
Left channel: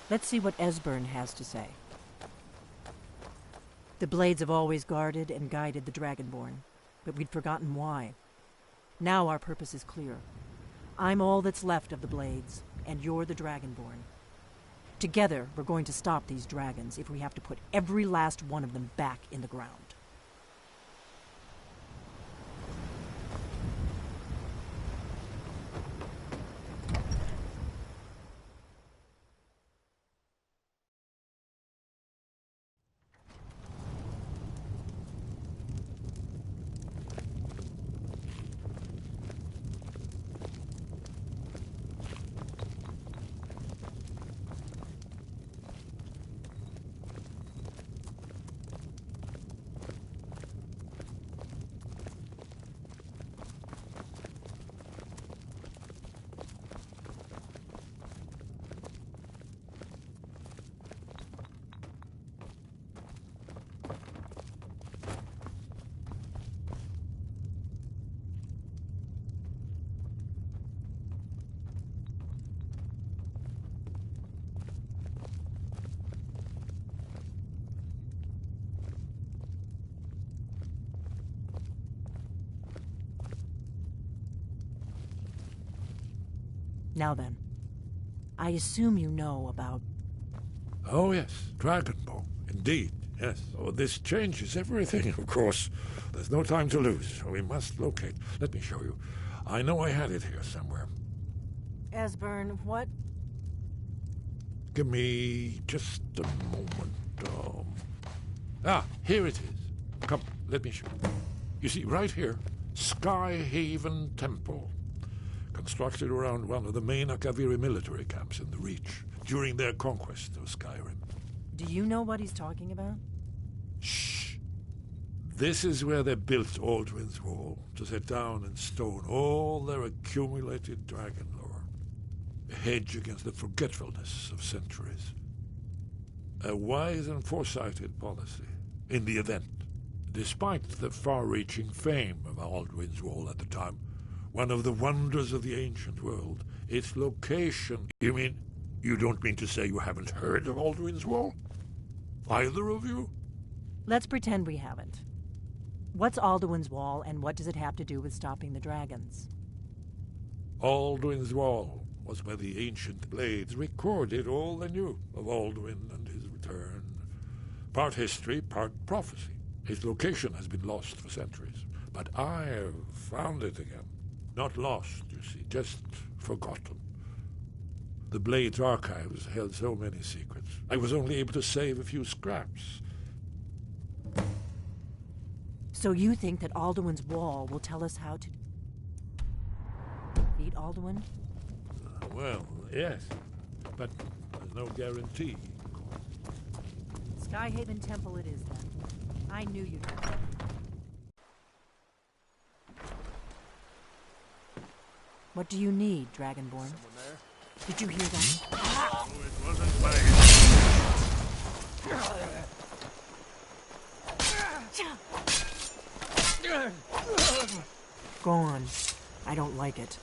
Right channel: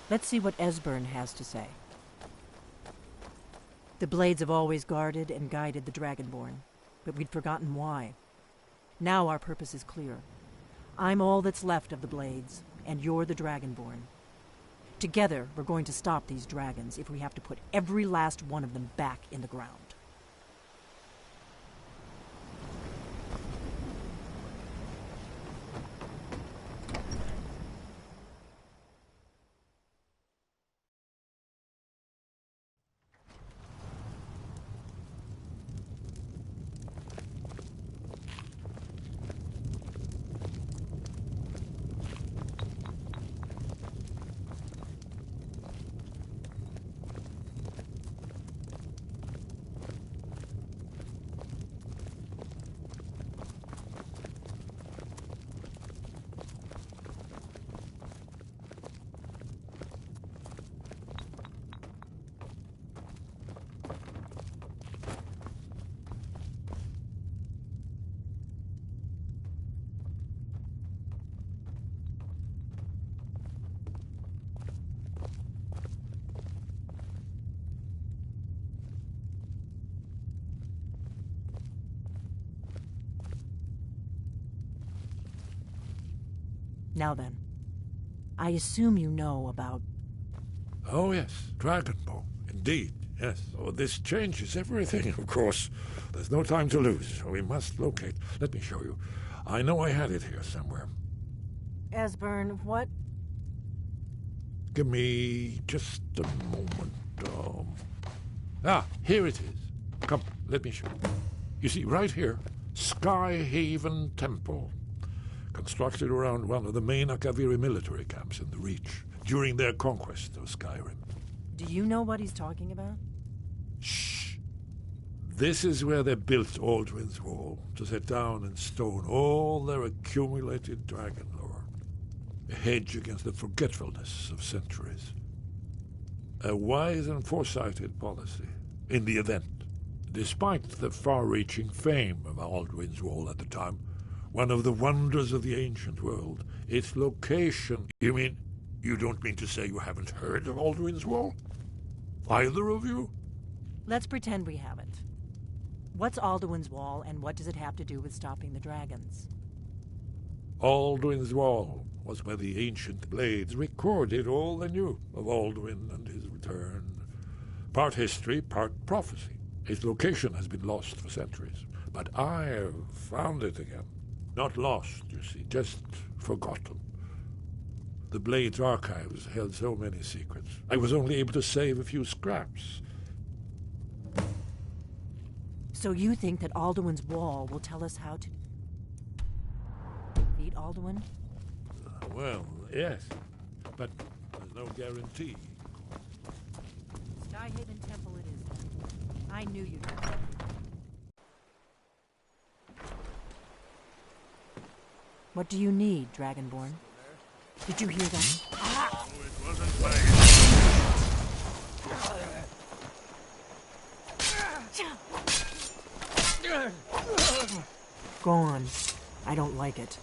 Let's see what Esbern has to say. The Blades have always guarded and guided the Dragonborn, but we'd forgotten why. Now our purpose is clear. I'm all that's left of the Blades, and you're the Dragonborn. Together, we're going to stop these dragons if we have to put every last one of them back in the ground. Now then, I assume you know about... Oh, yes, Dragonborn. Indeed, yes. Oh, this changes everything, of course. There's no time to lose. We must locate. Let me show you. I know I had it here somewhere. Esbern, what? Give me just a moment. Here it is. Come, let me show you. You see, right here, Skyhaven Temple. Constructed around one of the main Akaviri military camps in the Reach during their conquest of Skyrim. Do you know what he's talking about? Shh! This is where they built Aldwin's Wall, to set down in stone all their accumulated dragon lore. A hedge against the forgetfulness of centuries. A wise and foresighted policy, in the event. Despite the far-reaching fame of Aldwin's Wall at the time, one of the wonders of the ancient world, its location... You don't mean to say you haven't heard of Aldwin's Wall? Either of you? Let's pretend we haven't. What's Alduin's Wall, and what does it have to do with stopping the dragons? Alduin's Wall was where the ancient Blades recorded all they knew of Alduin and his return. Part history, part prophecy. His location has been lost for centuries, but I have found it again. Not lost, you see, just forgotten. The Blades' archives held so many secrets. I was only able to save a few scraps. So you think that Alduin's Wall will tell us how to... The right, Alduin? Well, yes. But there's no guarantee. Skyhaven Temple it is, then. I knew you'd know. What do you need, Dragonborn? Did you hear that? Oh, it wasn't Gone. I don't like it.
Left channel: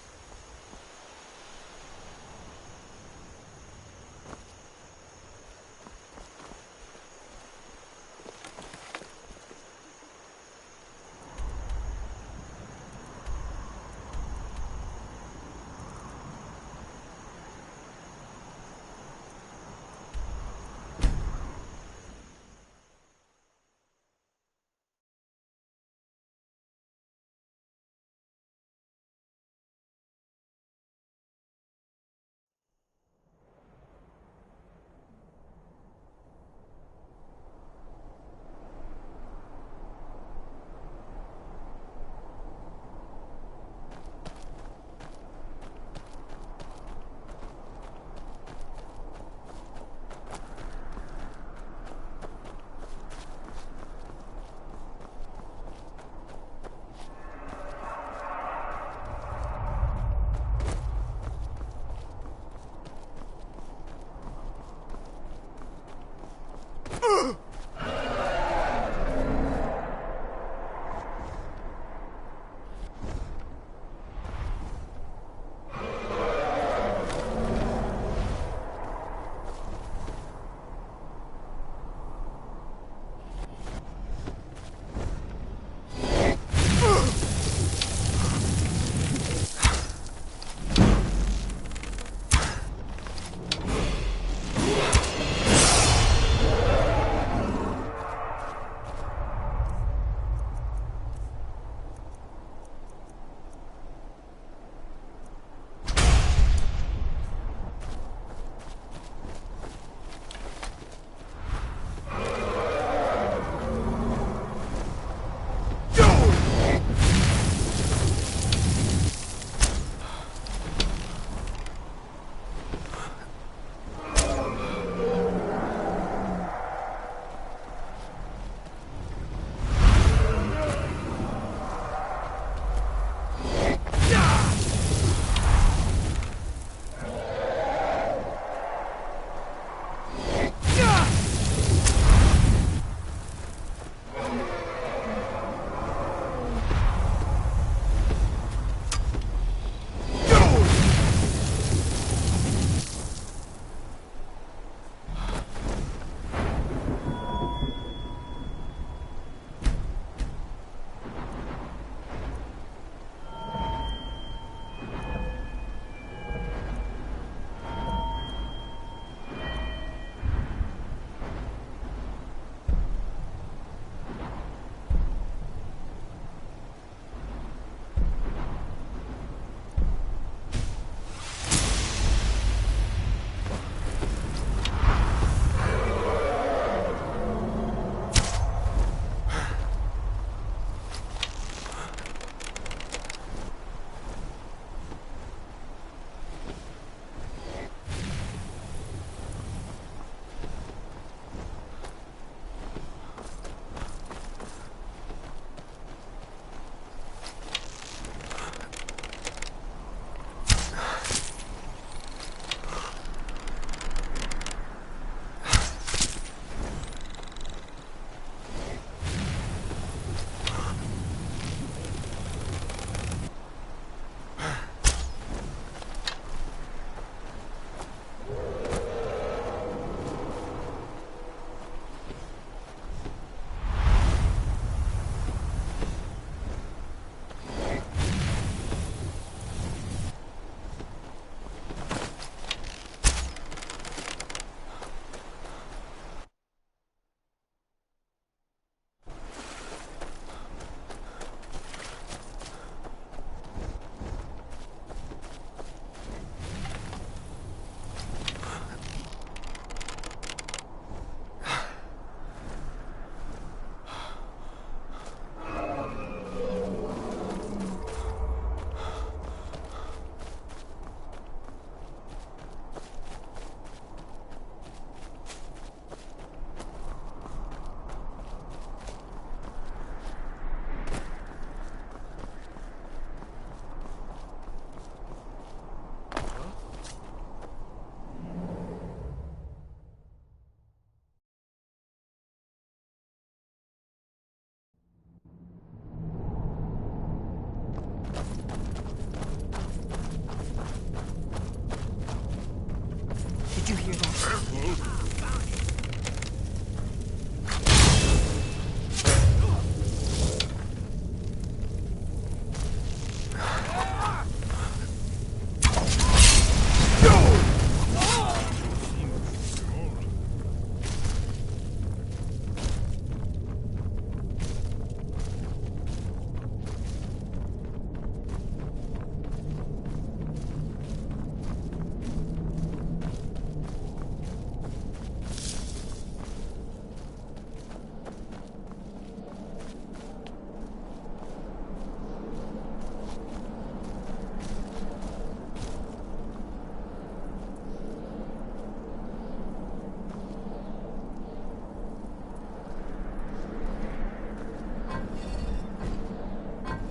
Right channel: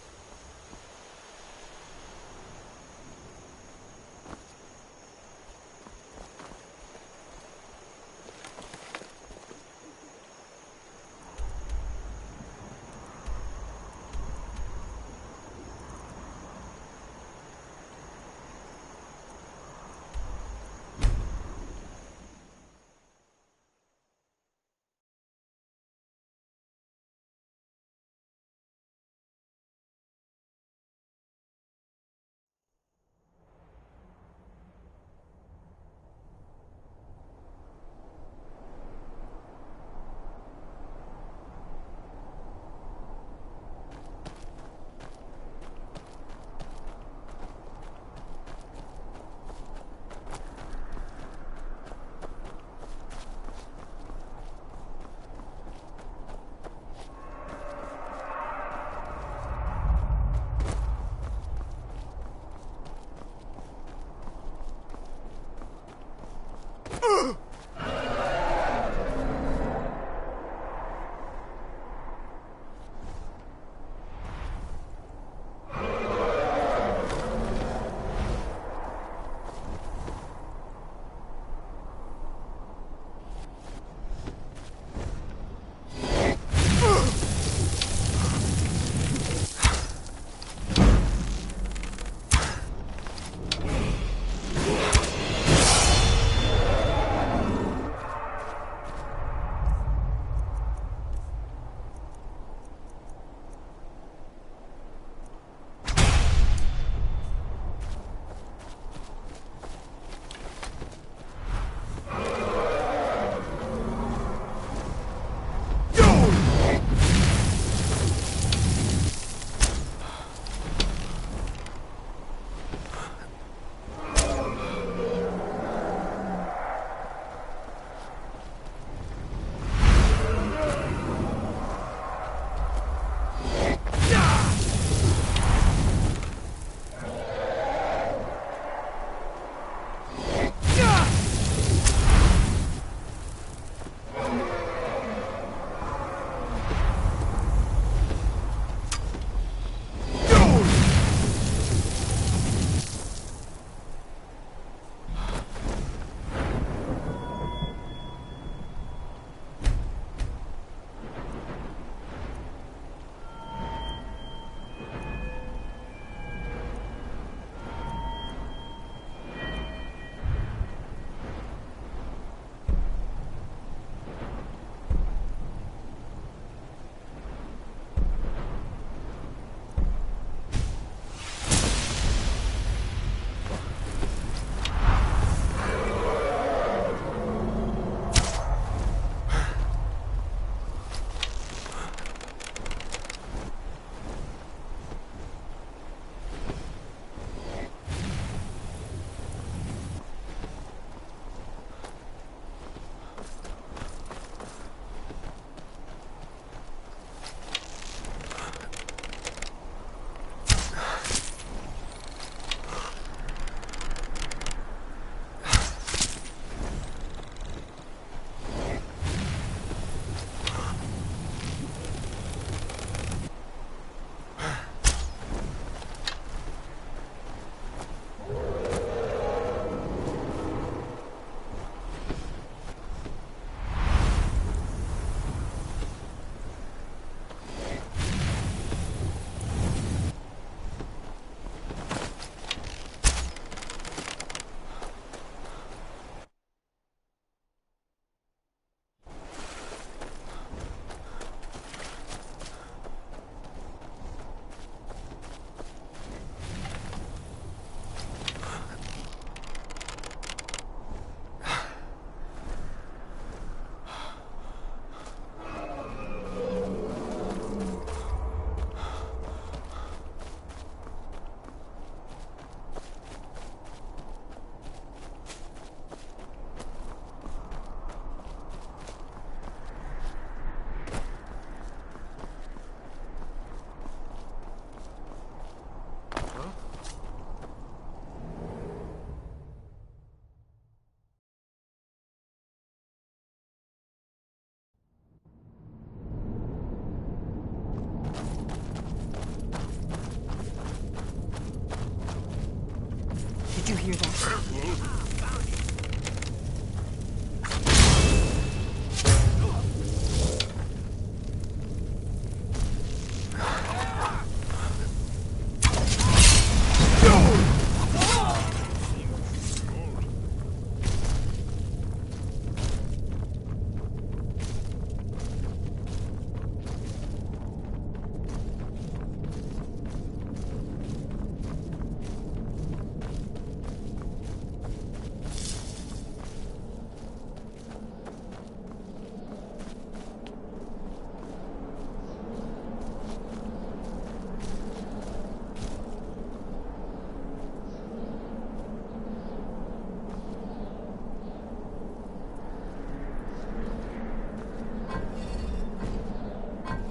hear that? Careful.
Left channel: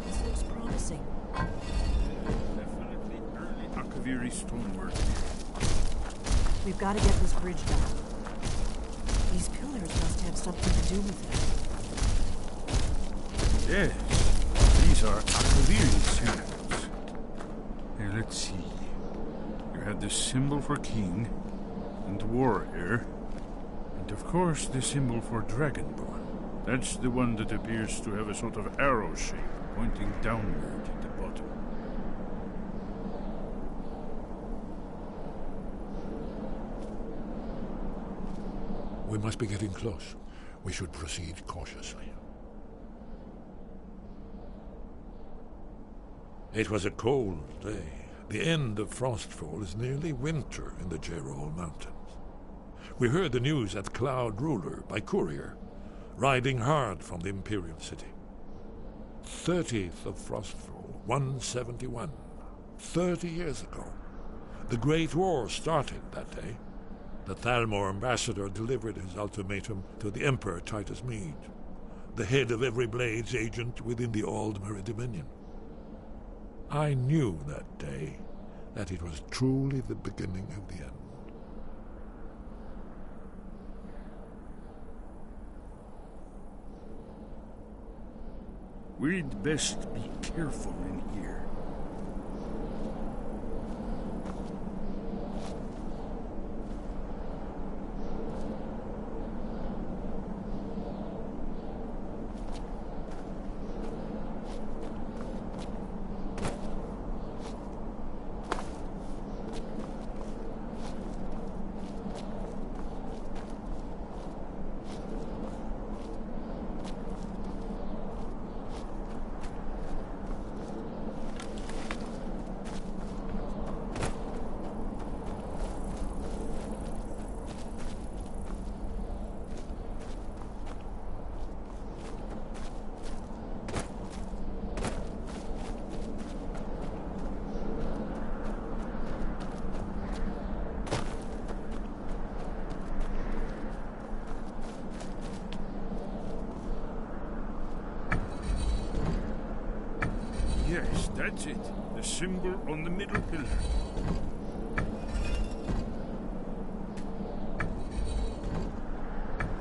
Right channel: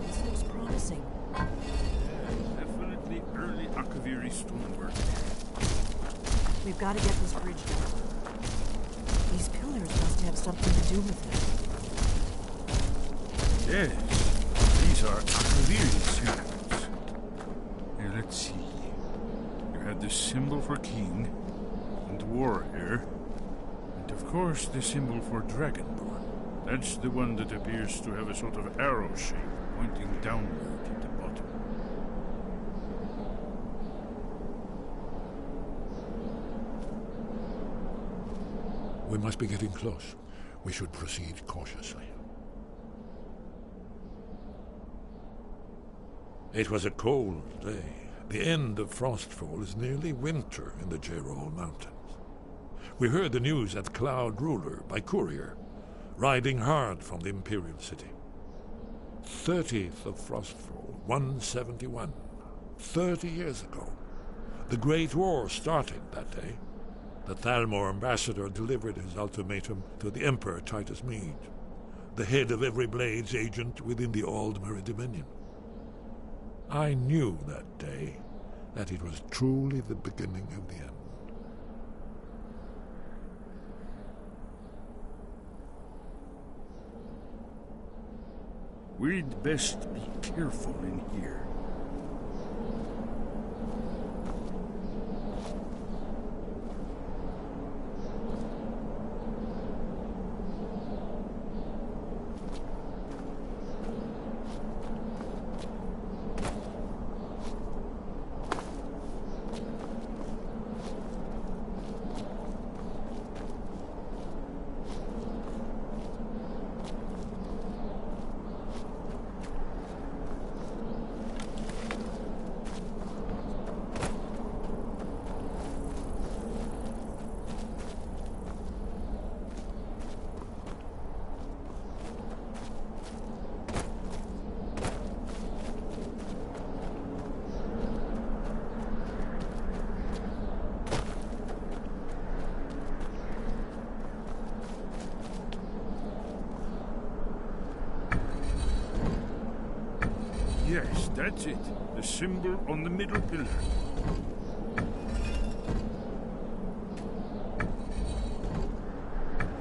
This looks promising. Definitely early Akaviri stonework. We've got to get this bridge down. These pillars must have something to do with it. Yes, these are Akaviri symbols. Here, let's see. You had the symbol for king, and warrior, and of course the symbol for dragonborn. That's the one that appears to have a sort of arrow shape pointing downward at the bottom. We must be getting close. We should proceed cautiously. It was a cold day. The end of Frostfall is nearly winter in the Jerol Mountains. We heard the news at Cloud Ruler by courier, riding hard from the Imperial City. 30th of Frostfall, 171. 30 years ago. The Great War started that day. The Thalmor ambassador delivered his ultimatum to the Emperor Titus Mede, the head of every Blades agent within the Aldmeri Dominion. I knew that day that it was truly the beginning of the end. We'd best be careful in here. Yes, that's it. The symbol on the middle pillar.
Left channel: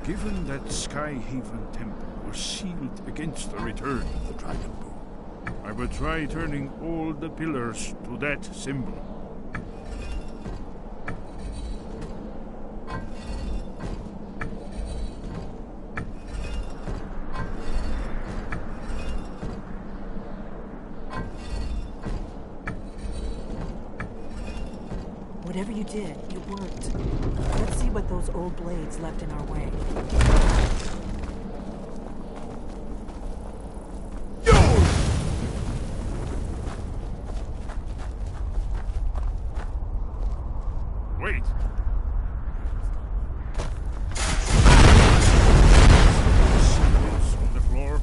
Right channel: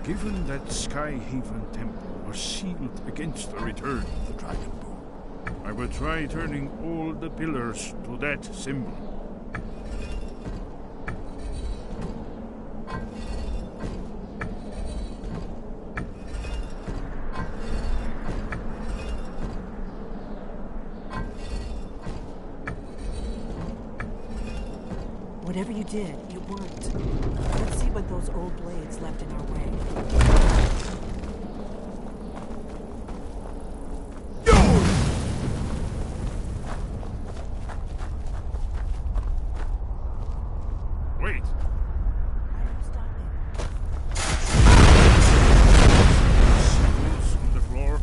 Given that Skyhaven Temple was sealed against the return of the Dragonborn, I will try turning all the pillars to that symbol. Whatever you did, it worked. Let's see what those old blades left in our way. Wait! Symbols on the floor.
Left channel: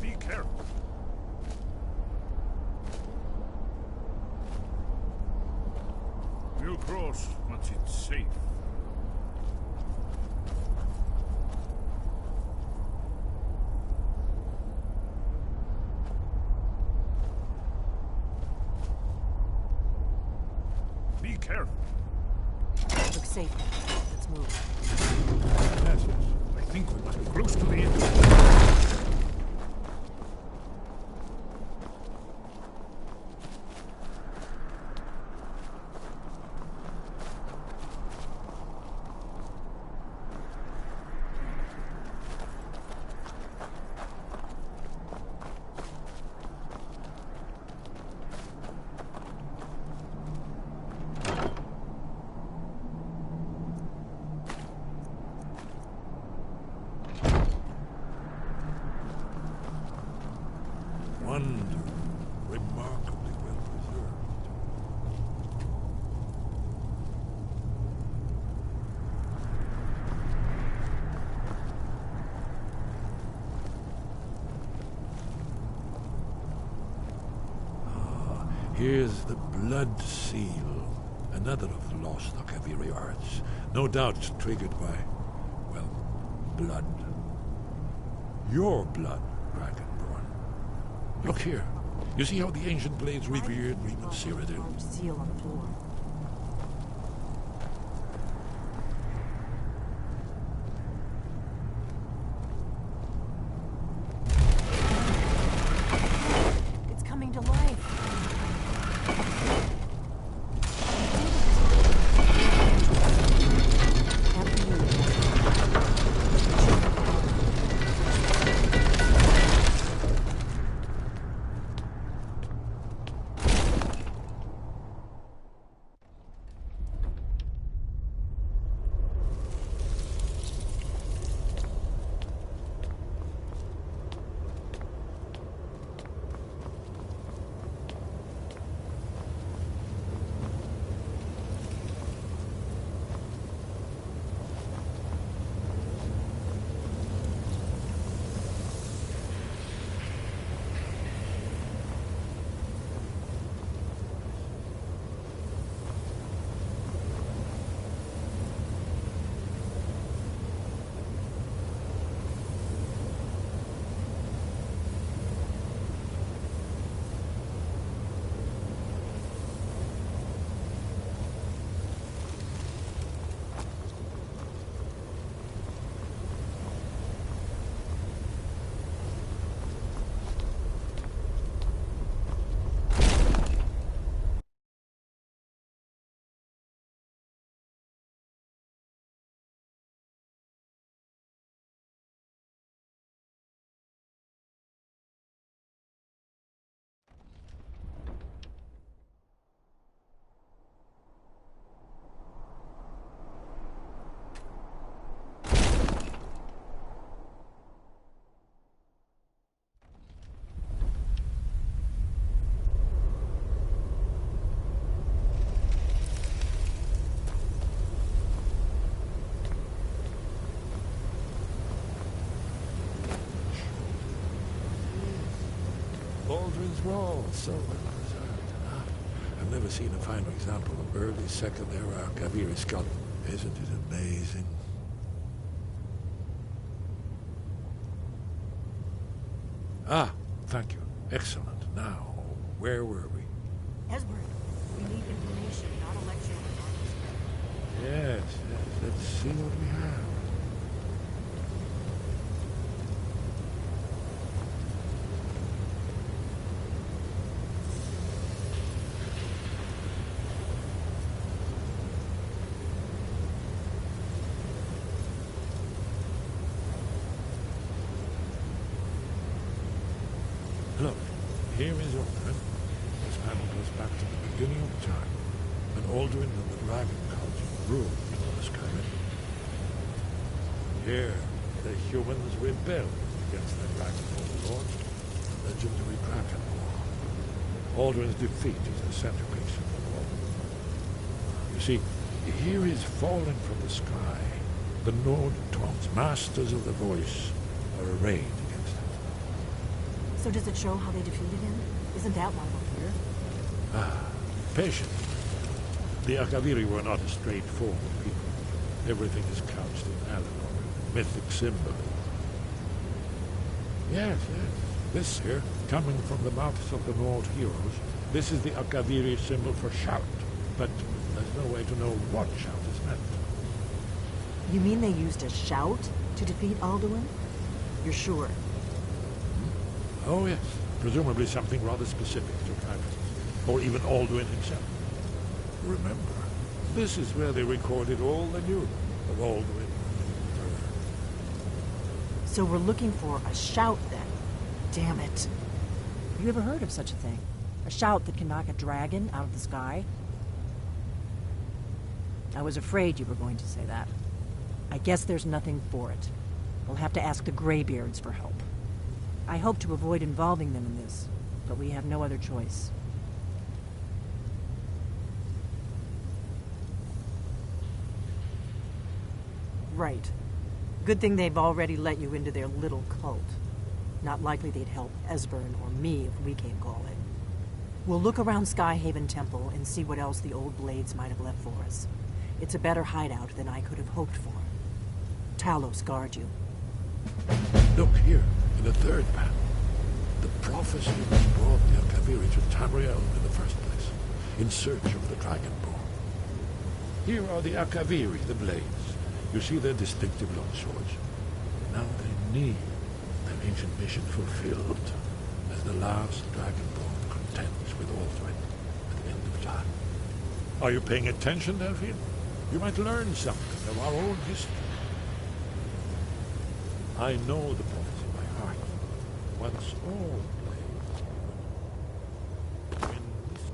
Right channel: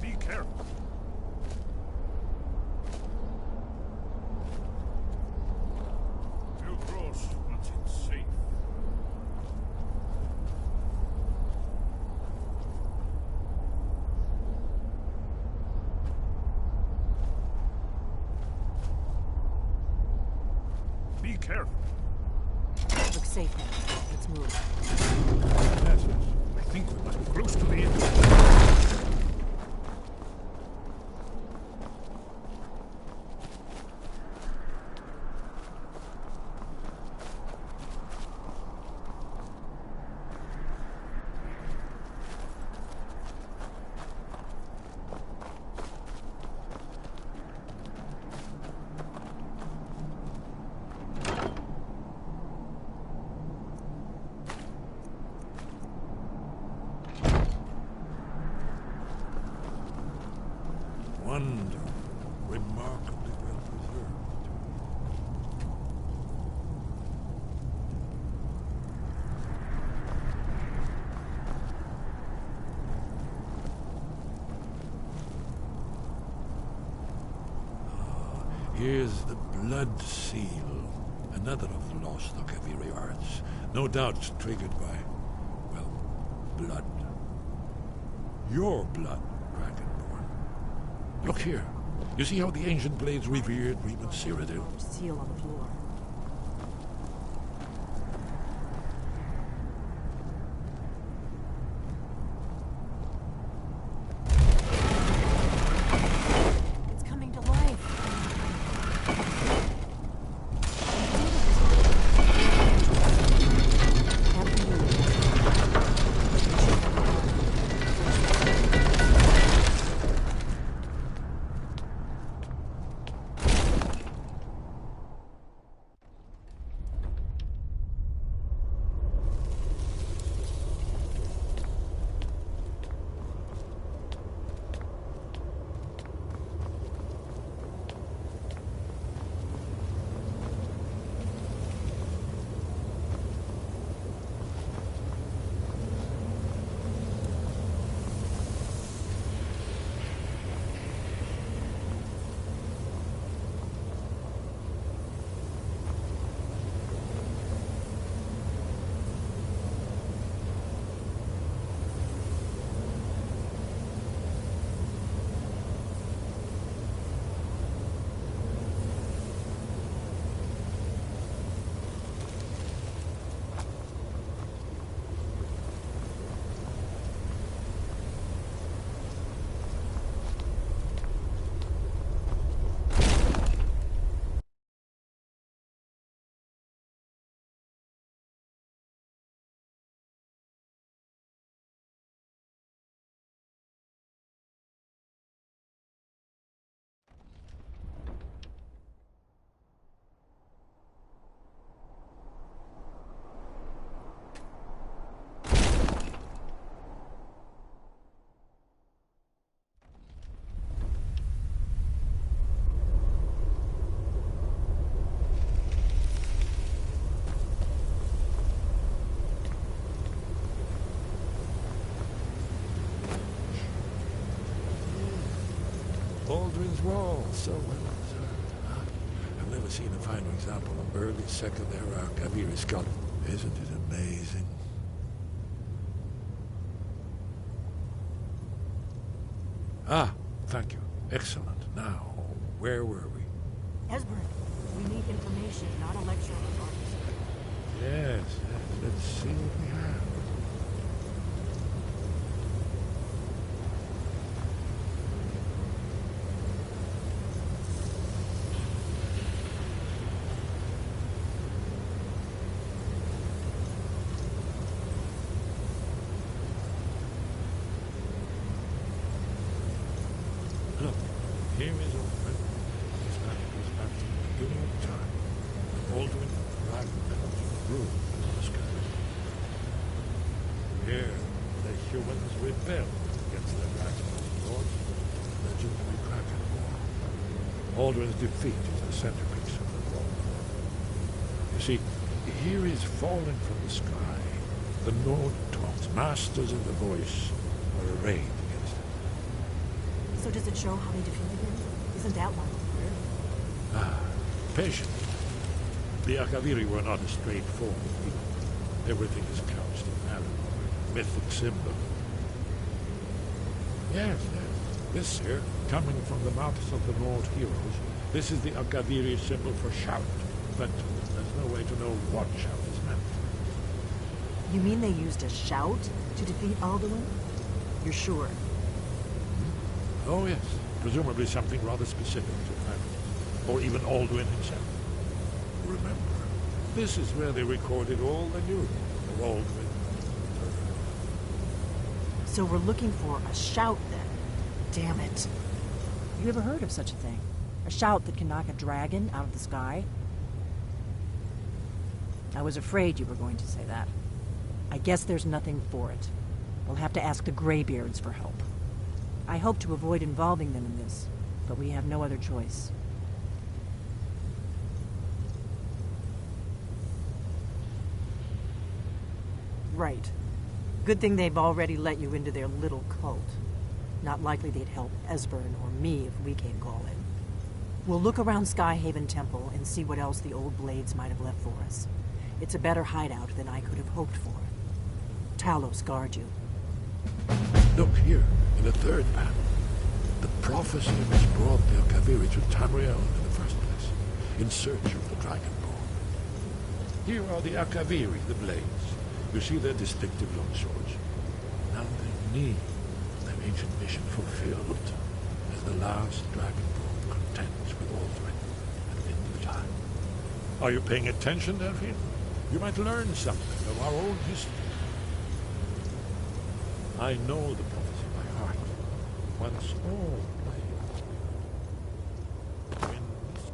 Be careful. We'll cross once it's safe. Be careful. Looks safe now. Let's move. Yes, I think we must be close to the end. Here's the Blood Seal, another of the lost Akaviri arts. No doubt triggered by, well, blood. Your blood, Dragonborn. Look here. You see how the ancient blades revered Reman Cyrodiil? Seal on the floor. It's coming to life. Baldwin's Wall, so well preserved. Ah, I've never seen a finer example of early Second Era Akaviri sculpture. Isn't it amazing? Ah, thank you. Excellent. Now, where were we? Esbern, we need information, not a lecture on artists. Yes, yes. Let's see what we have. Look, here is Alduin. This panel goes back to the beginning of time, when Alduin and the Dragon Cult ruled over Skyrim. Here, the humans rebelled against their dragon overlords, the legendary Dragon War. Alduin's defeat is the centerpiece of the war. You see, here is falling from the sky. The Nord Toms, masters of the voice, are arrayed against him. So does it show how they defeated him? Isn't that why we're here? Ah, patience. The Akaviri were not a straightforward people. Everything is couched in Alinor, mythic symbolism. Yes, yes. This here, coming from the mouths of the Nord heroes, this is the Akaviri symbol for shout. But there's no way to know what shout is meant. You mean they used a shout to defeat Alduin? You're sure? Oh, yes. Presumably something rather specific to Dragons, or even Alduin himself. Remember, this is where they recorded all the news of Alduin and her. So we're looking for a shout, then? Damn it. Have you ever heard of such a thing? A shout that can knock a dragon out of the sky? I was afraid you were going to say that. I guess there's nothing for it. We'll have to ask the Greybeards for help. I hope to avoid involving them in this, but we have no other choice. Right. Good thing they've already let you into their little cult. Not likely they'd help Esbern or me if we came calling. We'll look around Skyhaven Temple and see what else the old blades might have left for us. It's a better hideout than I could have hoped for. Talos guard you. Look here, in the third panel. The prophecy which brought the Akaviri to Tamriel in the first place, in search of the Dragonborn. Here are the Akaviri, the blades. You see their distinctive long swords. Now they need their ancient mission fulfilled, as the last Dragonborn contends with Alduin at the end of time. Are you paying attention, Delphine? You might learn something of our own history. I know the prophecy by heart. Once all blades when this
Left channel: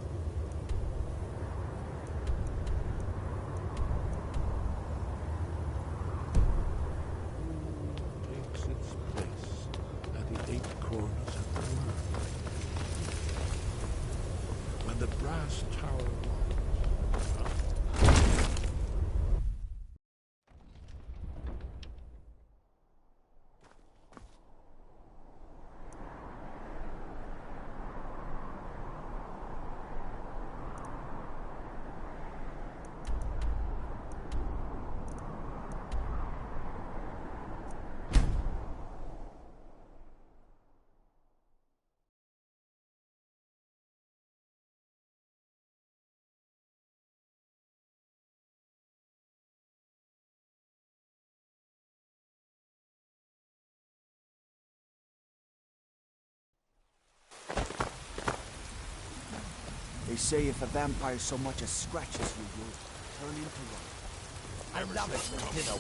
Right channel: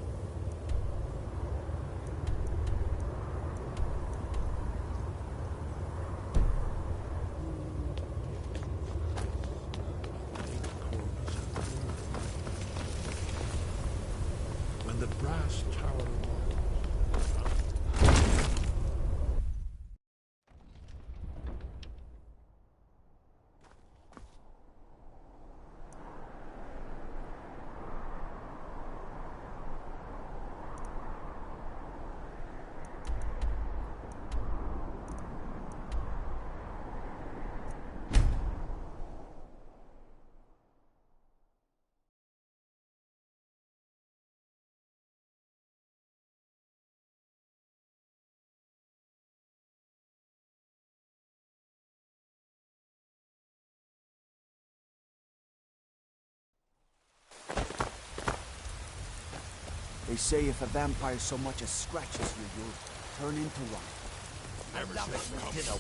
takes its place at the 8 corners of the world. When the brass tower walls They say if a vampire so much as scratches you, you'll turn into rock. I love it.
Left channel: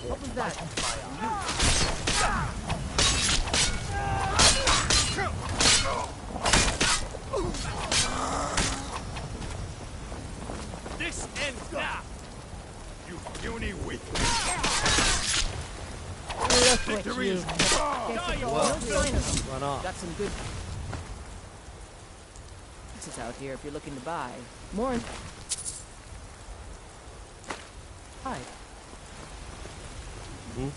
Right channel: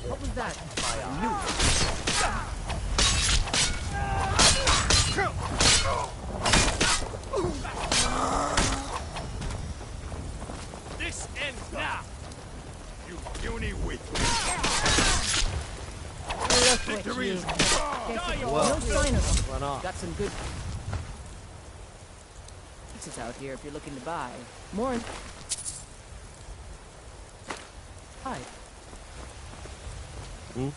What was that? This ends now! You puny weakling! Victory is No sign of them. Run off. Got some good pieces out here if you're looking to buy. More. Hi. Hmm?